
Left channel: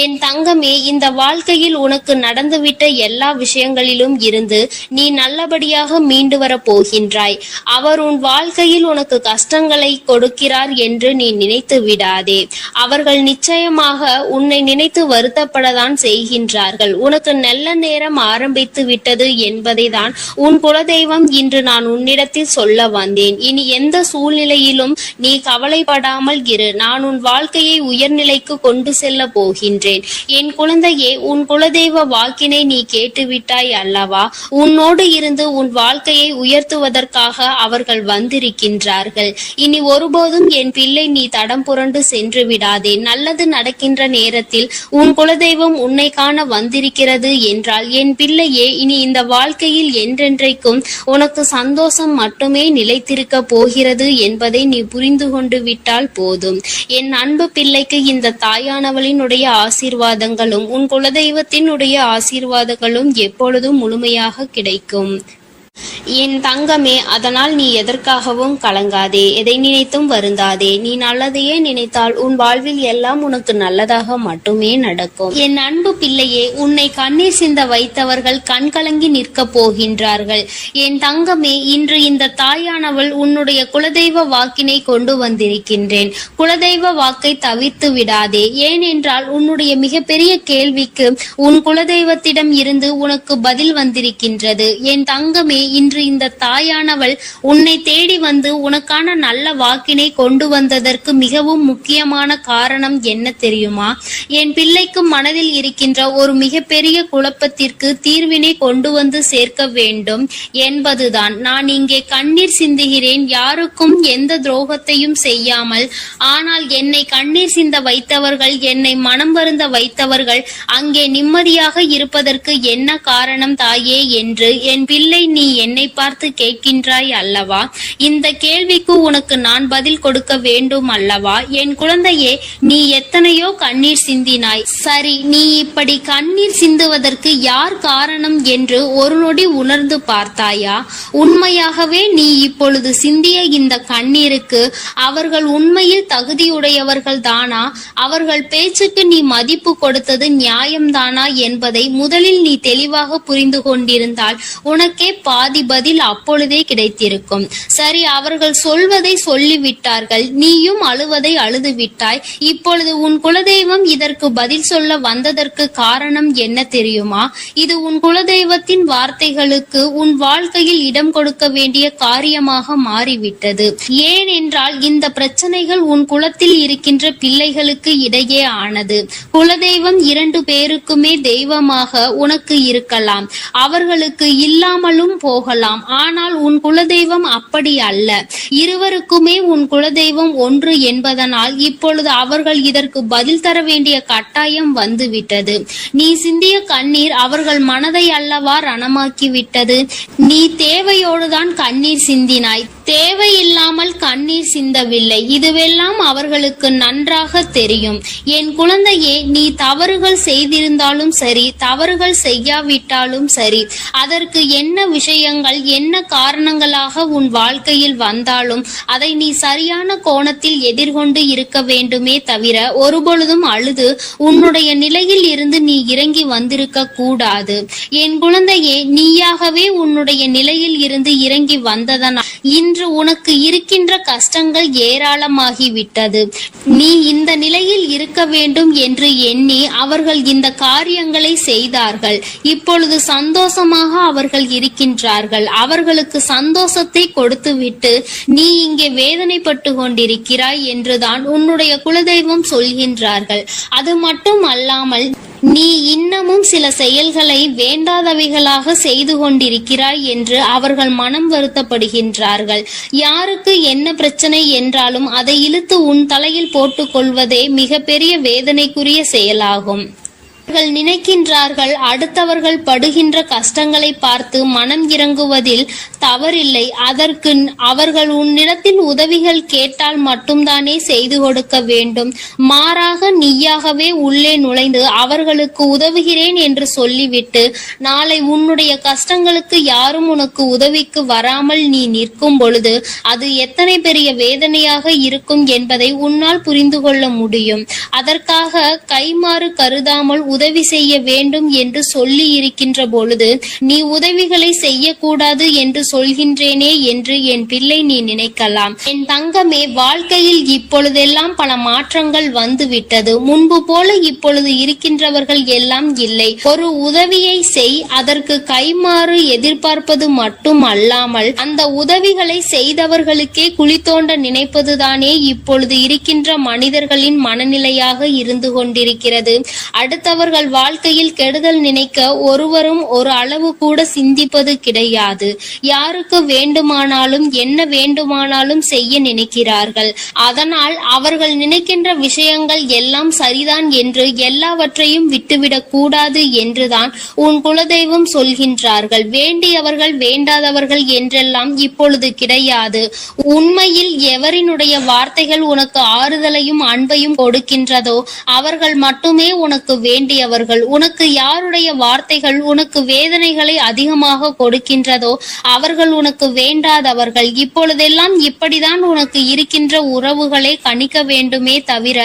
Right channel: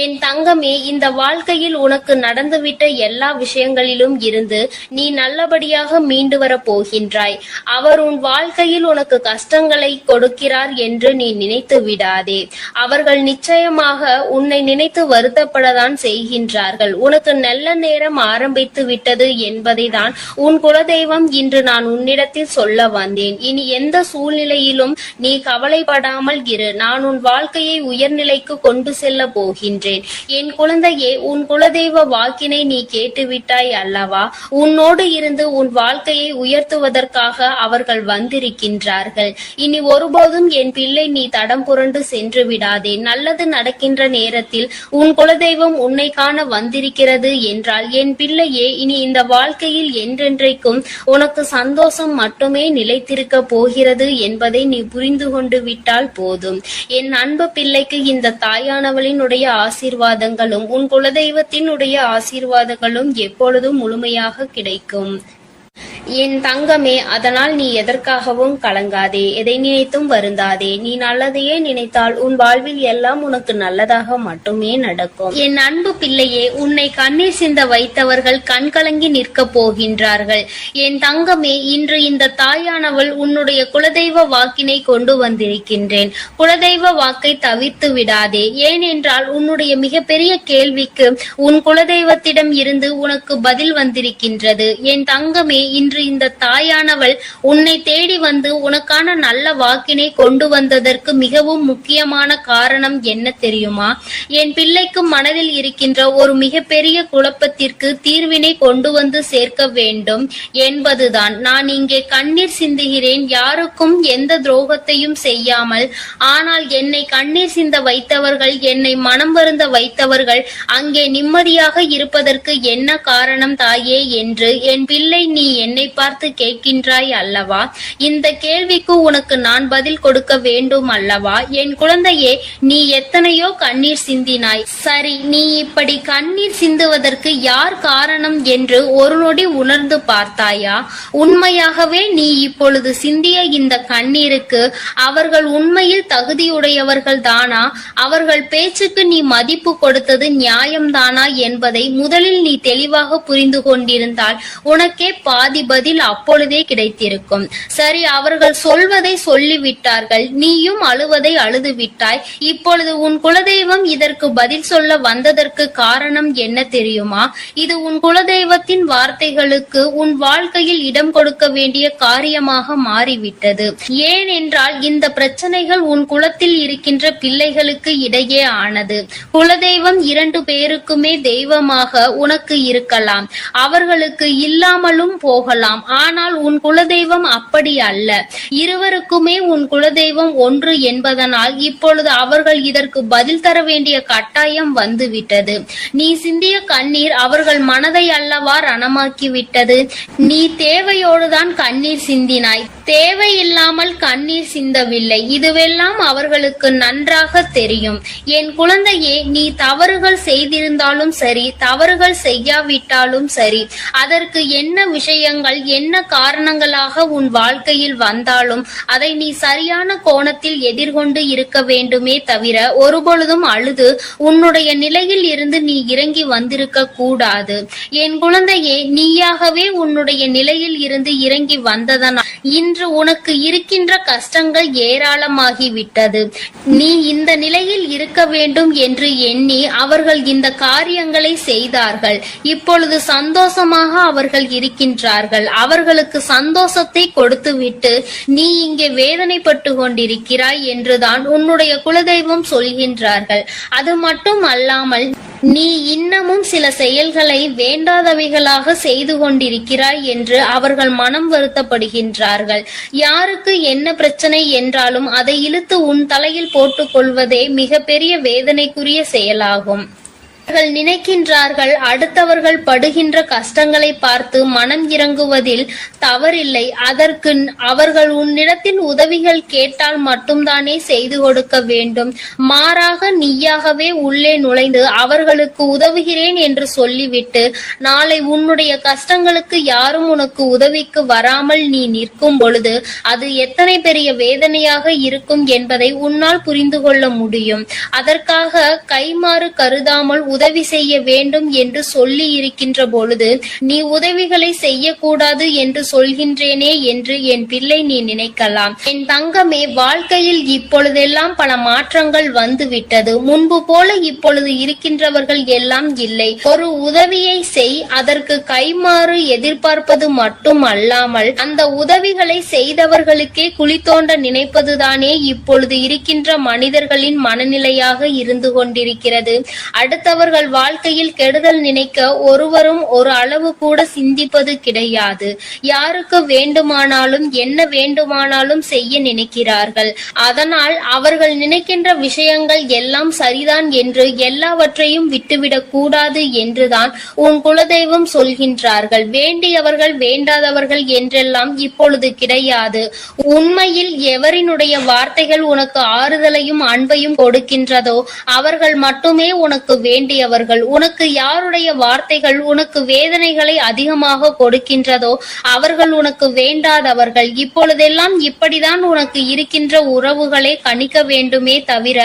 என் தங்கமே, இந்த வாழ்க்கையில் உனக்கு நடந்துவிட்ட எல்லா விஷயங்களிலும் இருந்து நீ நல்லபடியாக மீண்டு வர போகின்றாய். அவர் உன் வாழ்க்கையில் உனக்கு கஷ்டங்களை கொடுக்கிறார் என்று நீ நினைத்து விடாதே. அவர்கள் நிச்சயமாக உன்னை நினைத்து வருத்தப்பட தான் செய்கின்றார்கள். உனக்கு நல்ல நேரம் ஆரம்பித்து விட்டது என்பதை தான் உன் குலதெய்வம் இன்று நான் உன்னிடத்தில் சொல்ல வந்தேன். இனி எந்த சூழ்நிலையிலும் நீ கவலைப்படாமல் இரு. நான் உன் வாழ்க்கையை உயர்நிலைக்கு கொண்டு செல்ல போகின்றேன். என் குழந்தையே, உன் குலதெய்வ வாக்கினை நீ கேட்டுவிட்டாய் அல்லவா? உன்னோடு இருந்து உன் வாழ்க்கையை உயர்த்துவதற்காக அவர்கள் வந்திருக்கின்றார்கள். இனி ஒருபோதும் என் பிள்ளை நீ தடம் புரண்டு சென்று விடாதே. நல்லது நடக்கின்ற நேரத்தில் உன் குலதெய்வம் உன்னை காண வந்திருக்கிறது என்றால் என் பிள்ளையே, இனி இந்த வாழ்க்கையில் என்றென்றைக்கும் உனக்கு சந்தோஷம் மட்டுமே நிலைத்திருக்க போகிறது என்பதை நீ புரிந்து கொண்டு விட்டால் போதும். என் அன்பு பிள்ளைக்கு இந்த தாயானவளினுடைய ஆசீர்வாதங்களும் உன் குலதெய்வத்தினுடைய ஆசீர்வாதங்களும் எப்பொழுதும் முழுமையாக கிடைக்கும். என் தங்கமே, அதனால் நீ எதற்காகவும் கலங்காதே, எதை நினைத்தும் வருந்தாதே. நீ நல்லதையே நினைத்தால் உன் வாழ்வில் எல்லாம் உனக்கு நல்லதாக மட்டுமே நடக்கும். என் அன்பு பிள்ளையே, உன்னை கண்ணீர் சிந்த வைத்தவர்கள் கண் கலங்கி நிற்க போகின்றார்கள். என் தங்கமே, இன்று இந்த தாயானவள் உன்னுடைய குலதெய்வ வாக்கினை கொண்டு வந்திருக்கின்றேன். குலதெய்வ வாக்கை தவிர்த்து விடாதே. ஏனென்றால் உன்னுடைய மிகப்பெரிய கேள்விக்கு உன் குலதெய்வத்திடம் இருந்து உனக்கு பதில் வந்திருக்கின்றது. என் தங்கமே, இன்று இன்று இந்த தாயானவள் உன்னை தேடி வந்து உனக்கான நல்ல வாக்கினை கொண்டு வந்ததற்கு மிகவும் முக்கியமான காரணம் என்ன தெரியுமா? என் பிள்ளைக்கு மனதில் இருக்கின்ற ஒரு மிகப்பெரிய குழப்பத்திற்கு தீர்வினை கொண்டு வந்து சேர்க்க வேண்டும் என்பதுதான். நான் இங்கே கண்ணீர் சிந்துகிறேன், யாருக்கும் எந்த துரோகத்தையும் செய்யாமல். ஆனால் என்னை கண்ணீர் சிந்த வைத்தவர்கள், என்னை மனம் வருந்த வைத்தவர்கள் அங்கே நிம்மதியாக இருப்பதற்கு என்ன காரணம் தாயே என்று என் பிள்ளை நீ என்னை பார்த்து கேட்கின்றாய் அல்லவா? இந்த கேள்விக்கு உனக்கு நான் பதில் கொடுக்க வேண்டும் அல்லவா? என் குழந்தையே, நீ எத்தனையோ கண்ணீர் சிந்தினாய். சரி, நீ இப்படி கண்ணீர் சிந்துவதற்கு யார் காரணம் என்று ஒரு நொடி உணர்ந்து பார்த்தாயா? உண்மையாகவே நீ இப்பொழுது சிந்திய இந்த கண்ணீருக்கு அவர்கள் உண்மையில் தகுதியுடையவர்கள் தானா? அவர்கள் பேச்சுக்கு நீ மதிப்பு கொடுத்தது நியாயம்தானா என்பதை முதலில் நீ தெளிவாக புரிந்து கொண்டிருந்தால் உனக்கே பாதி பதில் அப்பொழுதே கிடைத்திருக்கும். சரி, அவர்கள் சொல்வதை சொல்லிவிட்டார்கள், நீயும் அழுவதை அழுது விட்டாய். இப்பொழுது உன் குலதெய்வம் இதற்கு பதில் சொல்ல வந்ததற்கு காரணம் என்ன தெரியுமா? இது உன் குலதெய்வத்தின் வார்த்தைகளுக்கு உன் வாழ்க்கையில் இடம் கொடுக்க வேண்டிய காரியமாக மாறிவிட்டது. ஏனென்றால் இந்த பிரச்சனைகள் உன் குலத்தில் இருக்கின்ற பிள்ளைகளுக்கு இடையே ஆனது. குலதெய்வம் 2 பேருக்குமே தெய்வமாக உனக்கு இருக்கலாம், அவர்களுக்கு இல்லாமலும் போகலாம். ஆனால் உன் குலதெய்வம் அப்படி அல்ல. இருவருக்குமே உன் குலதெய்வம் ஒன்று என்பதனால் இப்பொழுது அவர்கள் இதற்கு பதில் தர வேண்டிய கட்டாயம் வந்துவிட்டது. நீ சிந்திய கண்ணீர் அவர்கள் மனதை அல்லவா ரணமாக்கி விட்டது. நீ தேவையோடுதான் கண்ணீர் சிந்தினாய், தேவையில்லாமல் கண்ணீர் சிந்தவில்லை. இதுவெல்லாம் அவர்களுக்கு நன்றாக தெரியும். என் குழந்தையே, நீ தவறுகள் செய்திருந்தாலும் சரி, தவறுகள் செய்யாவிட்டாலும் சரி, அதற்கு என்ன விஷயங்கள் என்ன காரணங்களாக உன் வாழ்க்கையில் வந்தாலும் அதை நீ சரியான கோணத்தில் எதிர்கொண்டு இருக்க வேண்டுமே தவிர ஒருபொழுதும் அழுது உன்னுடைய நிலையில் இருந்து நீ இறங்கி வந்திருக்க கூடாது. என் குழந்தையே, நீயாகவே உன்னுடைய நிலையில் இருந்து இறங்கி வந்ததனால் இன்று உனக்கு இருக்கின்ற கஷ்டங்கள் ஏராளமாகிவிட்டது. நீ இந்த நிலையில் இருக்க வேண்டும் என்று எண்ணி அவர்கள் இந்த காரியங்களை செய்தார்கள். இப்பொழுது சந்தோஷமாக அவர்கள் இருக்கின்றார்கள். அவர்களுக்கு சந்தோஷத்தை கொடுத்துவிட்டு நீ இங்கே வேதனைப்பட்டு கொண்டிருக்கிறாய் என்றுதான் உன்னுடைய குலதெய்வம் சொல்கின்றார்கள். அது மட்டும் அல்லாமல் நீ இன்னமும் சில செயல்களை வேண்டாதவைகளாக செய்து கொண்டிருக்கிறாய் என்று அவர்கள் மனம் வருத்தப்படுகின்றார்கள். யாருக்கு என்ன பிரச்சனை என்றாலும் அதை இழுத்து உன் தலையில் போட்டுக் கொள்வதே மிகப்பெரிய வேதனைக்குரிய செயலாகும். அவர்கள் நினைக்கின்றார்கள் அடுத்தவர்கள் படுகின்ற கஷ்டங்களை பார்த்து மனம் இறங்குவதில் தவறில்லை. அதற்கு அவர்கள் உன்னிடத்தில் உதவிகள் கேட்டால் மட்டும்தானே செய்து கொடுக்க வேண்டும். மாறாக நீயாகவே உள்ளே நுழைந்து அவர்களுக்கு உதவுகிறேன் என்று சொல்லிவிட்டு நாளை உன்னுடைய கஷ்டங்களுக்கு யாரும் உனக்கு உதவிக்கு வராமல் நீ நிற்கும் பொழுது அது எத்தனை பெரிய வேதனையாக இருக்கும் என்பதை உன்னால் புரிந்து கொள்ள முடியும். அதற்காக கைமாறு கருதாமல் உதவி செய்ய வேண்டும் என்று சொல்லி இருக்கின்ற பொழுது நீ உதவிகளை செய்யக்கூடாது என்று சொல்கின்றேனே என்று என் பிள்ளை நீ நினைக்கலாம். என் தங்கமே, வாழ்க்கையில் இப்பொழுதெல்லாம் பல மாற்றங்கள் வந்துவிட்டது. முன்பு போல இப்பொழுது இருக்கின்றவர்கள் எல்லாம் இல்லை. ஒரு உதவியை செய், அதற்கு கைமாறு எதிர்பார்ப்பது மட்டும் அல்லாமல் அந்த உதவிகளை செய்தவர்களுக்கே குழி தோண்ட நினைப்பதுதானே இப்பொழுது இருக்கின்ற மனிதர்களின் மனநிலையாக இருந்து கொண்டிருக்கிறது. அடுத்தவர்கள் வாழ்க்கையில் கெடுதல் நினைக்க ஒருவரும் ஒரு அளவு கூட சிந்திப்பது கிடையாது. யாருக்கு வேண்டுமானாலும் என்ன வேண்டுமானாலும் செய்ய நினைக்கிறார்கள். அதனால் அவர்கள் நினைக்கின்ற விஷயங்கள் எல்லாம் சரிதான் என்று எல்லாவற்றையும் விட்டுவிடக் கூடாது என்றுதான் உன் குலதெய்வம் சொல்கின்றார்கள். வேண்டியவர்கள் வேண்டாதவர்கள் என்றெல்லாம் இப்பொழுது கிடையாது. உண்மையில் எவரினுடைய வார்த்தைகள் உனக்கு ஆறுதலையும் அன்பையும் கொடுக்கின்றதோ அவர்கள் மட்டுமே உனக்கு வேண்டியவர்கள். உனக்கு யாருடைய வார்த்தைகள் உனக்கு வேதனைகளை அதிகமாக கொடுக்கின்றதோ அவர்கள் உனக்கு வேண்டாதவர்கள். இப்பொழுதெல்லாம் இப்படிதான் உனக்கு இருக்கின்ற உறவுகளை கணிக்க வேண்டுமே தவிர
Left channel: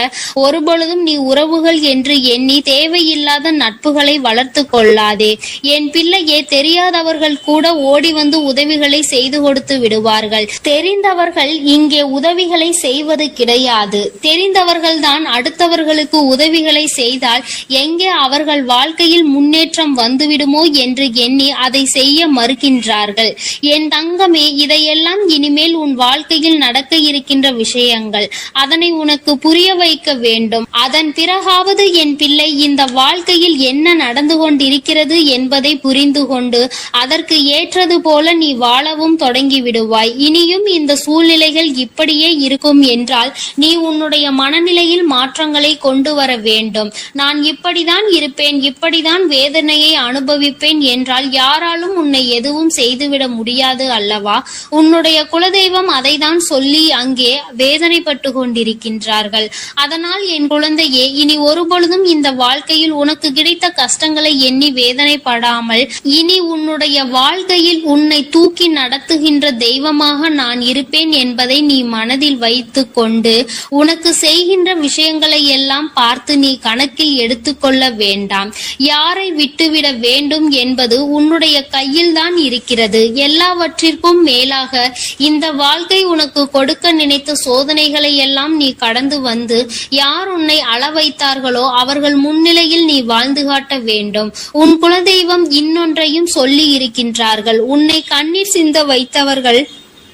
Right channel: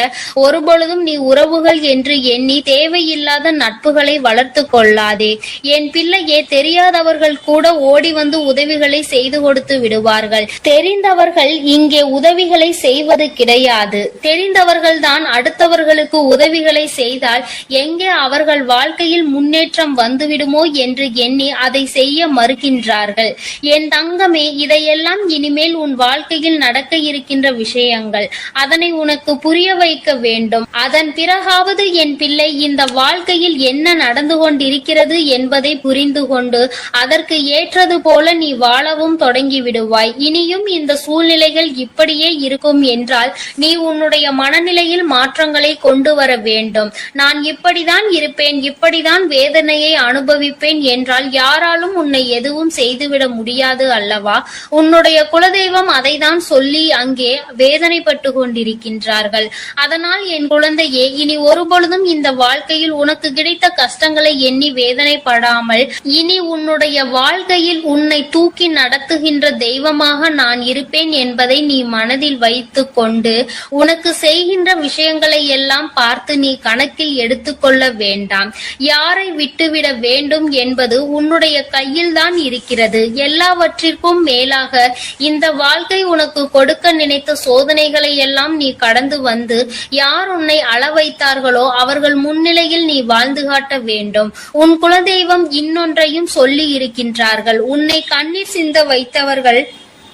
ஒருபொழுதும் நீ உறவுகள் என்று எண்ணி தேவையில்லாத நட்புகளை வளர்த்து கொள்ளாதே. என் பிள்ளையே, தெரியாதவர்கள் கூட ஓடி வந்து உதவிகளை செய்து கொடுத்து விடுவார்கள். தெரிந்தவர்கள் இங்கே உதவிகளை செய்வது கிடையாது. தெரிந்தவர்கள் தான் அடுத்தவர்களுக்கு உதவிகளை செய்தால் எங்கே அவர்கள் வாழ்க்கையில் முன்னேற்றம் வந்துவிடுமோ என்று எண்ணி அதை செய்ய மறுக்கின்றார்கள். என் தங்கமே, இதையெல்லாம் இனிமேல் உன் வாழ்க்கையில் நடக்க இருக்கின்ற விஷயங்கள். அதனை உனக்கு புரிய வைக்க வேண்டும். அதன் பிறகாவது என் பிள்ளை இந்த வாழ்க்கையில் என்ன நடந்து கொண்டிருக்கிறது என்பதை புரிந்து கொண்டு அதற்கு ஏற்றது போல நீ வாழவும் தொடங்கி விடுவாய். இனியும் இந்த சூழ்நிலைகள் இப்படியே இருக்கும் என்றால் நீ உன்னுடைய மனநிலையில் மாற்றங்களை கொண்டு வர வேண்டும். நான் இப்படிதான் இருப்பேன், இப்படிதான் வேதனையை அனுபவிப்பேன் என்றால் யாராலும் உன்னை எதுவும் செய்துவிட முடியாது அல்லவா? உன்னுடைய குலதெய்வம் அதை தான் சொல்லி அங்கே வேதனைப்பட்டு கொண்டிருக்கின்றார்கள். அதனால் என் குழந்தையே, இனி ஒருபொழுதும் இந்த வாழ்க்கையில் உனக்கு கிடைத்த கஷ்டங்களை எண்ணி வேதனைப்படாமல் இனி உன்னுடைய வாழ்க்கையில் உன்னை தூக்கி நடத்துகின்ற தெய்வமாக நான் இருப்பேன் என்பதை நீ மனதில் வைத்து கொண்டு உனக்கு செய்கின்ற விஷயங்களை எல்லாம் பார்த்து நீ கணக்கில் எடுத்துக்கொள்ள வேண்டாம். யாரை விட்டுவிட வேண்டும் என்பது உன்னுடைய கையில் தான் இருக்கிறது. எல்லாவற்றிற்கும் மேலாக இந்த வாழ்க்கை உனக்கு கொடுக்க நினைத்த சோதனைகளை எல்லாம் நீ கடந்து வந்து யார் உன்னை அள வைத்தார்களோ அவர்கள் முன்னிலையில் நீ வாழ்ந்து காட்ட வேண்டும். உன் குலதெய்வம் இன்னொன்றையும் சொல்லி இருக்கின்றார்கள். உன்னை கண்ணீர் சிந்த வைத்தவர்கள்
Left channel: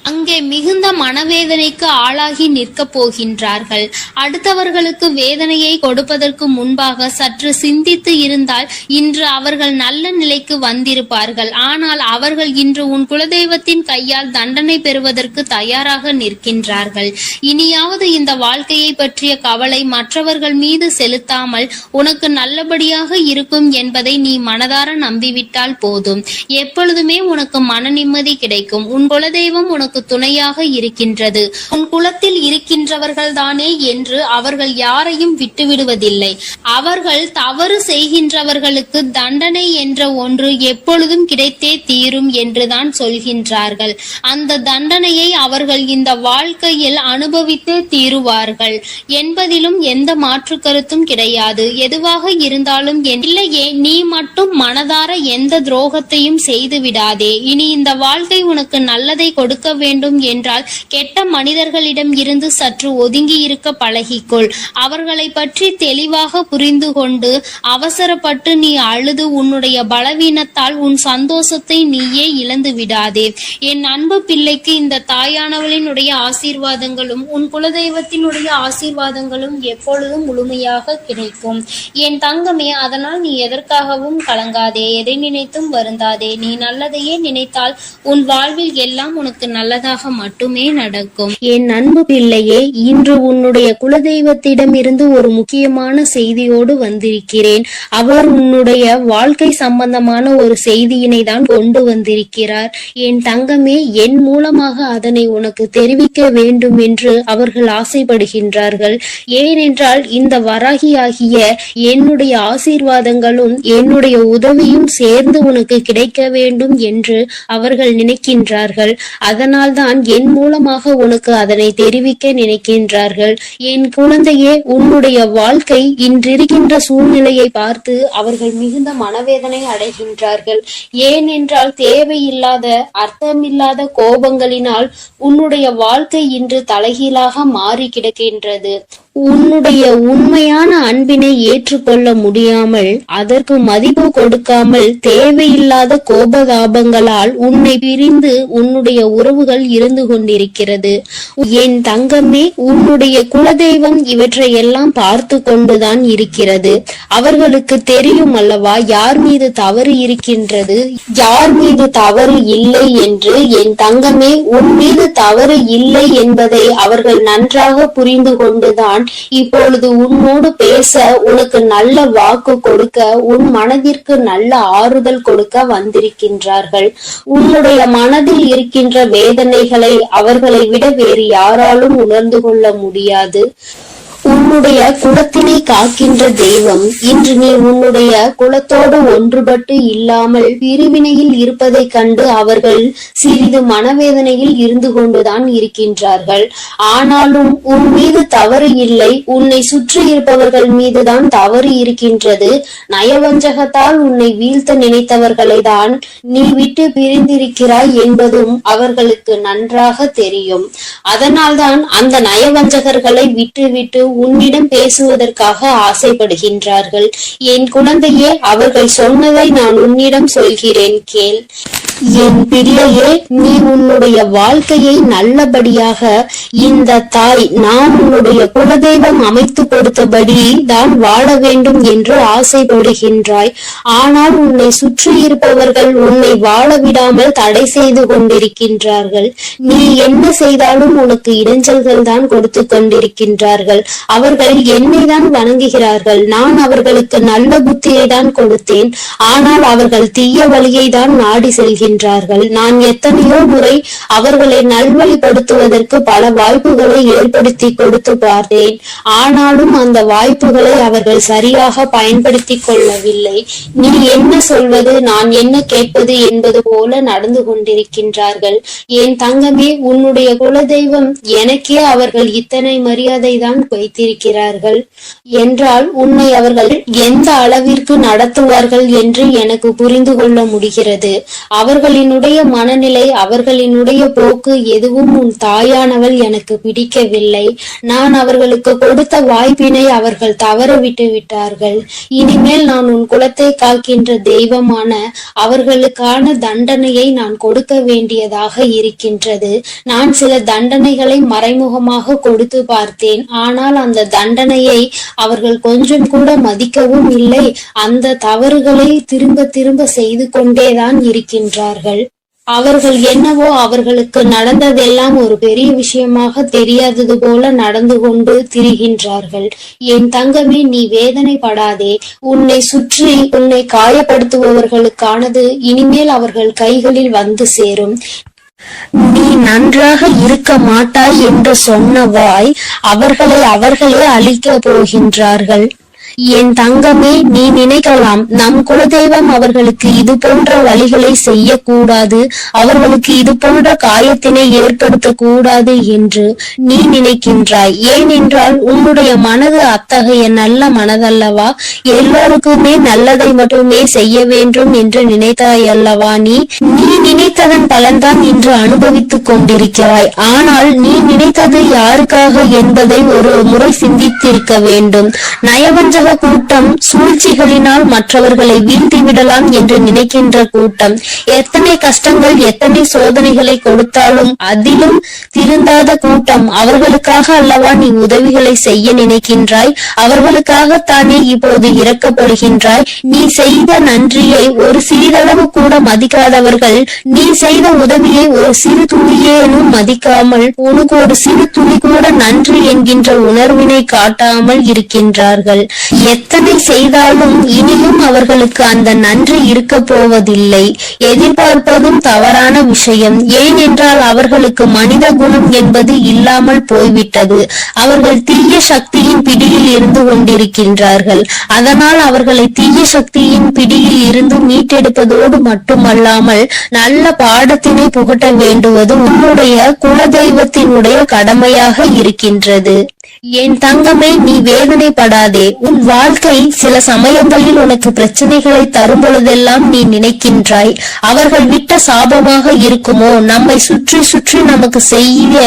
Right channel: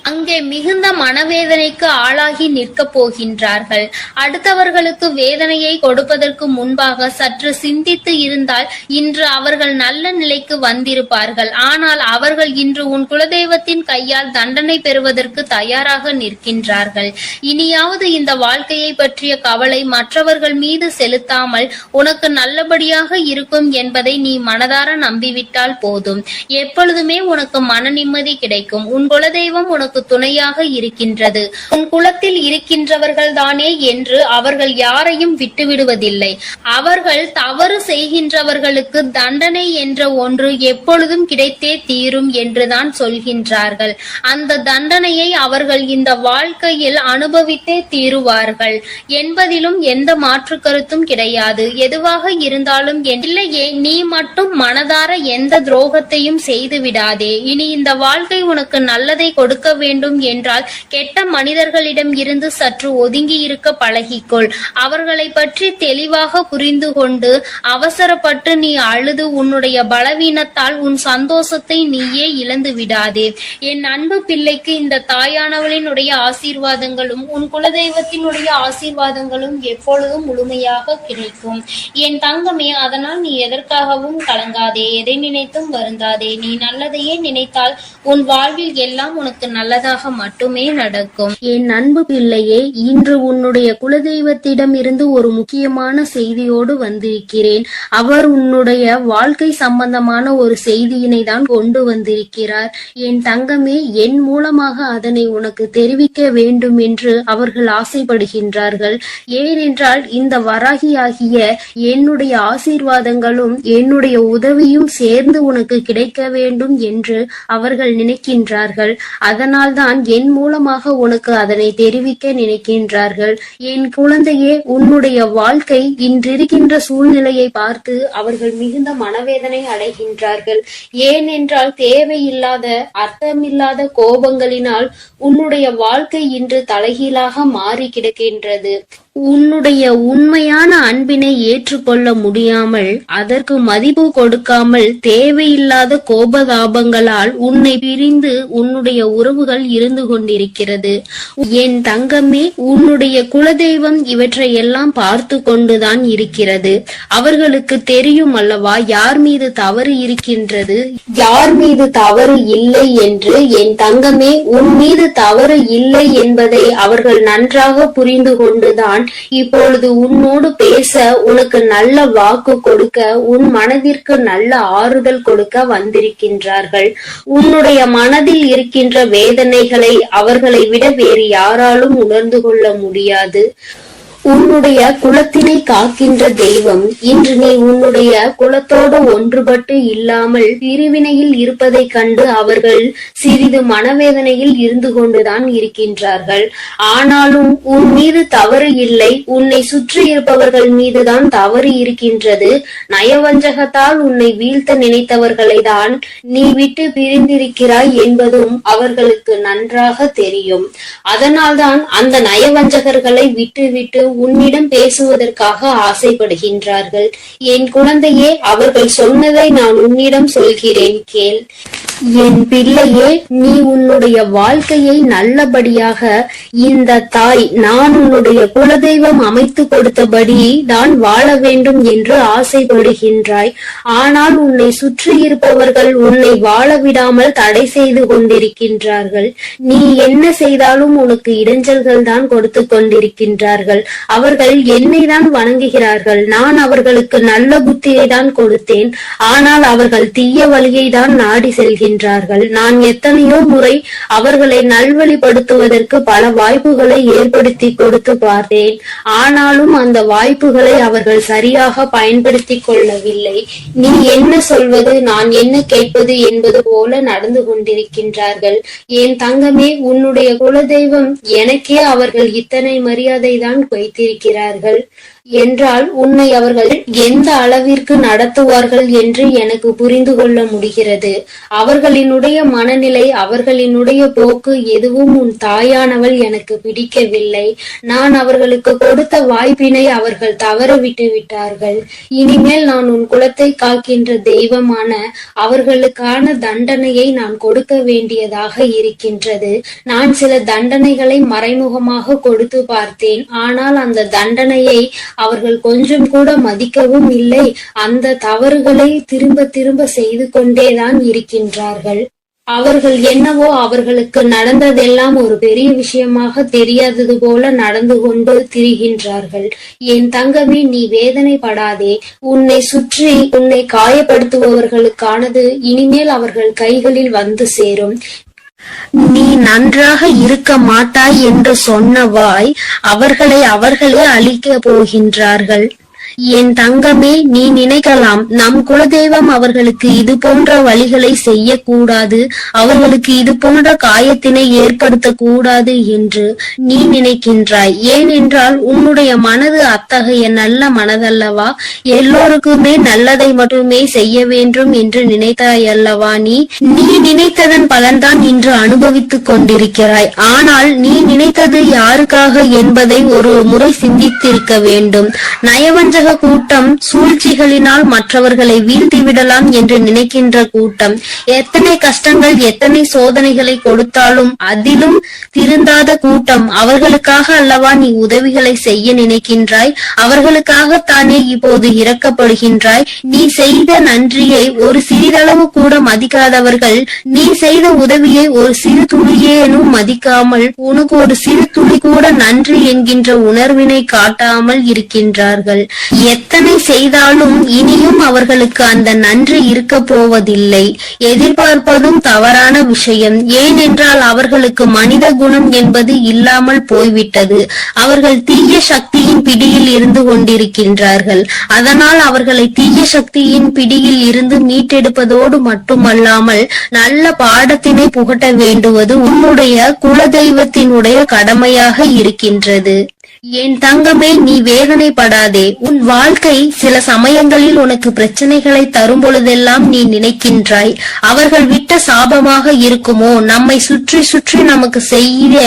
அங்கே மிகுந்த மனவேதனைக்கு ஆளாகி நிற்க போகின்றார்கள். அடுத்தவர்களுக்கு வேதனையை கொடுப்பதற்கு முன்பாக சற்று சிந்தித்து இருந்தால் இன்று அவர்கள் நல்ல நிலைக்கு வந்திருப்பார்கள். ஆனால் அவர்கள் இன்று உன் குலதெய்வத்தின் கையால் தண்டனை பெறுவதற்கு தயாராக நிற்கின்றார்கள். இனியாவது இந்த வாழ்க்கையை பற்றிய கவலை மற்றவர்கள் மீது செலுத்தாமல் உனக்கு நல்லபடியாக இருக்கும் என்பதை நீ மனதார நம்பிவிட்டால் போதும். எப்பொழுதுமே உனக்கு மன நிம்மதி கிடைக்கும். உன் குலதெய்வம் உனக்கு துணையாக இருக்கின்றது. உன் குலத்தில் இருக்கின்றவர்கள் தானே என்று அவர்கள் யாரையும் விட்டுவிடுவதில்லை. அவர்கள் தவறு செய்கின்றவர்களுக்கு தண்டனை என்ற ஒன்று எப்பொழுதும் கிடைத்தே தீரும் என்றுதான் சொல்கின்றார்கள். அந்த தண்டனையை அவர்கள் இந்த வாழ்க்கையில் அனுபவித்தே தீருவார்கள் என்பதிலும் எந்த மாற்று கருத்தும் கிடையாது. எதுவாக இருந்தாலும் இல்லையே, நீ மட்டும் மனதார எந்த துரோகத்தையும் செய்து விடாதே. இனி இந்த வாழ்க்கை உனக்கு நல்லதை கொடுக்க வேண்டும் என்றால் கெட்ட மனிதர்களிடம் இருந்து சற்று ஒதுங்கி இருக்க பழகிக்கொள். அவர்களை பற்றி தெளிவாக புரிந்து கொண்டு அவசரப்பட்டு நீ அழுது உன்னுடைய பலவீனத்தால் உன் சந்தோஷத்தை நீயே இழந்து விடாதே. என் அன்பு பிள்ளைக்கு இந்த தாயானவளினுடைய ஆசீர்வாதங்களும் உன் குலதெய்வத்தினுடைய ஆசீர்வாதங்களும் எப்பொழுதும் முழுமையாக கிடைக்கும். என் தங்கமே, அதனால் நீ எதற்காகவும் கலங்காதே, எதை நினைத்தும் வருந்தாதே. நீ நல்லதையே நினைத்தால் உன் வாழ்வில் எல்லாம் உனக்கு நல்லதாக மட்டுமே நடக்கும். என் அன்பு பிள்ளையே, இன்று உன்னுடைய குலதெய்வத்திடம் இருந்து ஒரு முக்கியமான செய்தியோடு வந்திருக்கிறேன். அவர் உன்னுடைய வாழ்க்கை சம்பந்தமான ஒரு செய்தியினை தான் கொண்டு வந்திருக்கிறார். என் தங்கமே, என் மூலமாக அதனை உனக்கு தெரிவிக்க வேண்டும் என்று அவர்கள் ஆசைப்படுகின்றார்கள். ஏனென்றால் இந்த வராகியாகிய என்னுடைய ஆசீர்வாதங்களும் என்னுடைய உதவியும் சேர்ந்து உனக்கு கிடைக்க வேண்டும் என்று அவர்கள் நினைக்கின்றார்கள். அதனால் தான் என் மூலமாக உனக்கு அதனை தெரிவிக்க நினைக்கின்றார்கள். என் குழந்தையே, உன்னுடைய வாழ்க்கை இன்றிருக்கின்ற சூழ்நிலையை பார்த்து அவர்கள் மிகுந்த மனவேதனை அடைகின்றார்கள். ஏனென்றால் தேவையில்லாத அர்த்தமில்லாத கோபங்களினால் உன்னுடைய வாழ்க்கை இன்று தலைகீழாக மாறி கிடக்கின்றது. உன்னுடைய உண்மையான அன்பினை ஏற்றுக்கொள்ள முடியாமல் அதற்கு மதிப்பு கொடுக்காமல் தேவையில்லாத கோபதாபங்களால் உன்னை பிரிந்து உன்னுடைய உறவுகள் இருந்து கொண்டிருக்கிறது. என் தங்கமே, உன்னுடைய குலதெய்வம் இவற்றையெல்லாம் பார்த்து கொண்டுதான் இருக்கிறது. அவர்களுக்கு தெரியும் அல்லவா யார் மீது தவறு இருக்கின்றது, யார் மீது தவறு இல்லை என்று. என் தங்கமே, உன் மீது தவறு இல்லை என்பதை அவர்கள் நன்றாக புரிந்து கொண்டுதான் இப்பொழுது உன்னோடு பேச, உனக்கு நல்ல வாக்கு கொடுக்க, உன் மனதிற்கு நல்ல ஆறுதல் கொடுக்க வந்திருக்கின்றார்கள். உன்னுடைய மனதில் இருக்கின்ற வேதனைகளை அவர்களை விட வேறு யாராலும் உணர்ந்து கொள்ள முடியாது. உன்னுடைய குலத்தினை காக்கின்ற தெய்வம் இன்று நீ உன்னுடைய குலத்தோடு ஒன்றுபட்டு இல்லாமல் பிரிவினையில் இருப்பதை கண்டு அவர்கள் சிறிது மனவேதனையில் இருந்து கொண்டுதான் இருக்கின்றார்கள். ஆனாலும் உன் மீது தவறு இல்லை, உன்னை சுற்றி இருப்பவர்கள் மீதுதான் தவறு இருக்கின்றது. நயவஞ்சகத்தால் உன்னை வீழ்த்த நினைத்தவர்களை தான் நீ விட்டு பிரிந்திருக்கிறாய் என்பதும் அவர்களுக்கு நன்றாக தெரியும். அதனால்தான் அந்த நயவஞ்சகர்களை விட்டு உன்னிடம் பேசுவதற்காக ஆசைப்படுகின்றார்கள். என் குழந்தையே, அவர்கள் சொன்னதை நான் உன்னிடம் சொல்கிறேன், கேள். என் பிள்ளையே, நீ உன்னுடைய வாழ்க்கையை நல்லபடியாக இந்த தாய் நான் உன்னுடைய குலதெய்வம் அமைத்து கொடுத்தபடி தான் வாழ வேண்டும் என்று ஆசைப்படுகின்றாய். ஆனால் உன்னை சுற்றி இருப்பவர்கள் உன்னை வாழ விடாமல் தடை செய்து கொண்டிருக்கின்றார்கள். நீ என்ன செய்தாலும் உனக்கு இடைஞ்சல்கள் தான் கொடுத்து கொண்டிருக்கின்றார்கள். அவர்கள் என்னை தான் வணங்குகிறார்கள். நான் அவர்களுக்கு நல்ல புத்தியை தான் கொடுத்தேன். ஆனால் அவர்கள் தீய வழியை தான் நாடி செல்கின்றனர். நான் எத்தனையோ முறை அவர்களை நல்வழிப்படுத்துவதற்கு பல வாய்ப்புகளை ஏற்படுத்தி கொடுத்து பார்த்தேன். ஆனாலும் அந்த வாய்ப்புகளை அவர்கள் சரியாக பயன்படுத்தி கொள்ளவில்லை. நீ என்ன சொல்வது, நான் என்ன கேட்பது என்பது போல நடந்து கொண்டிருக்கின்றார்கள். என் தங்கமே, உன்னுடைய குலதெய்வம் எனக்கே அவர்கள் இத்தனை மரியாதை தான் வைத்திருக்கிறார்கள் என்றால் உன்னை அவர்கள் எந்த அளவிற்கு நடத்துவார்கள் என்று எனக்கு புரிந்து கொள்ள முடிகிறது. அவர்களினுடைய மனநிலை, அவர்களினுடைய போக்கு எதுவும் உன் தாயானவள் எனக்கு பிடிக்கவில்லை. நான் அவர்களுக்கு கொடுத்த வாய்ப்பினை அவர்கள் தவற விட்டு விட்டார்கள். இனிமேல் நான் உன் குலத்தை காக்கின்ற தெய்வமான அவர்களுக்கான தண்டனையை நான் கொடுக்க வேண்டியதாக இருக்கின்றது. நான் சில தண்டனைகளை மறைமுகமாக கொடுத்து பார்த்தேன். ஆனால் அந்த தண்டனையை அவர்கள் கொஞ்சம் கூட மதிக்கவும் இல்லை. அந்த தவறுகளை திரும்ப திரும்ப செய்து கொண்டேதான் இருக்கின்றார்கள். அவர்கள் என்னவோ அவர்களுக்கு நடந்ததெல்லாம் ஒரு பெரிய விஷயமாக தெரியாதது போல நடந்து கொண்டு திரிகின்றார்கள். என் தங்கமே, நீ வேதனைப்படாதே. உன்னை சுற்றி உன்னை காயப்படுத்துபவர்களுக்கானது இனிமேல் அவர்கள் கைகளில் வந்து சேரும். நீ நன்றாக இருக்க மாட்டாய் என்று சொன்ன வாய் அவர்களே அழிக்க போகின்றார்கள். என் தங்கமே, நீ நினைக்கலாம் நம் குலதெய்வம் அவர்களுக்கு இது போன்ற வழிகளை செய்யக்கூடாது, அவர்களுக்கு இது போன்ற காயத்தினை ஏற்படுத்த கூடாது என்று நீ நினைக்கின்றாய். ஏனென்றால் உன்னுடைய மனது அத்தகைய நல்ல மனதல்லவா? எல்லோருக்குமே நல்லதை மட்டுமே செய்ய வேண்டும் என்று நினைத்தாய் அல்லவா? நீ நினைத்ததன் பலன்தான் இன்று அனுபவித்துக் கொண்டிருக்கிறாய். ஆனால் நீ நினைத்தது யாருக்காக என்பதை ஒரு முறை சிந்தித்திருக்க வேண்டும். நயவஞ்சக கூட்டம் சூழ்ச்சிகளினால் மற்றவர்களை வீழ்த்தி விடலாம் என்று நினைக்கின்ற கூட்டம் எத்தனை கஷ்டங்கள் எத்தனை சோதனைகளை கொடுத்தாலும் அதிலும் திருந்தாத கூட்டம். அவர்களுக்காக அல்லவா நீ உதவிகளை செய்ய நினைக்கின்றாய்? அவர்களுக்காகத்தானே இப்போது இறக்கப்படுகின்றாய். நீ செய்த நன்றியை ஒரு சிறிதளவு கூட மதிக்காதவர்கள் நீ செய்த உதவியை ஒரு சிறு துளியேனும் மதிக்காமல் உனக்கு ஒரு சிறு துளி கூட நன்றி என்கின்ற உணர்வினை காட்டாமல் இருக்கின்றார்கள். எத்தனை செய்தாலும் இனியும் அவர்களுக்கு அந்த நன்றி இருக்க போவதில்லை. எதிர்பார்ப்பதும் தவறான விஷயம். ஏனென்றால் அவர்களுக்கு மனித குணம் என்பது இல்லாமல் போய்விட்டது. அவர்கள் தீய சக்தியின் பிடியில் இருந்து கொண்டிருக்கின்றார்கள். அதனால் அவர்களை தீய சக்தியின் பிடியில் இருந்து மீட்டெடுப்பதோடு மட்டுமல்லாமல் நல்ல பாடத்தினை புகட்ட வேண்டுவது உன்னுடைய குலதெய்வத்தினுடைய கடமையாக இருக்கின்றது. என் தங்கமே, நீ வேதனைப்படாதே. உன் வாழ்க்கை சில சமயங்களில் உனக்கு பிரச்சனைகளை தரும் பொழுதெல்லாம் நீ நினைக்கின்றாய், அவர்கள் விட்ட சாபமாக இருக்குமோ, நம்மை சுற்றி சுற்றி நமக்கு செய்ய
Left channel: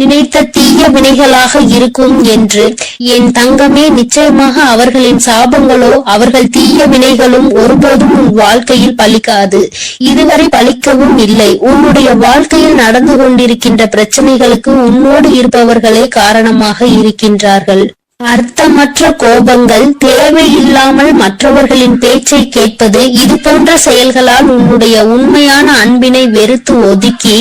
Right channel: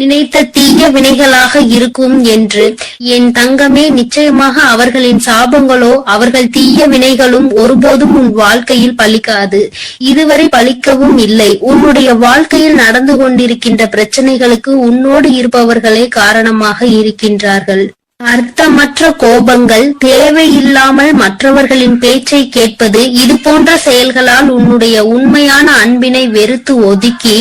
நினைத்த தீய வினைகளாக இருக்கும் என்று. என் தங்கமே, நிச்சயமாக அவர்களின் சாபங்களோ அவர்கள் தீய வினைகளும் ஒருபோதும் உன் வாழ்க்கையில் பலிக்காது. இதுவரை பலிக்கவும் இல்லை. உன்னுடைய வாழ்க்கையில் நடந்து கொண்டிருக்கின்ற பிரச்சனைகளுக்கு உன்னோடு இருப்பவர்களே காரணமாக இருக்கின்றார்கள். அர்த்தமற்ற கோபங்கள், தேவையில்லாமல் மற்றவர்களின் பேச்சை கேட்பது, இது போன்ற செயல்களால் உன்னுடைய உண்மையான அன்பினை வெறுத்து ஒதுக்கி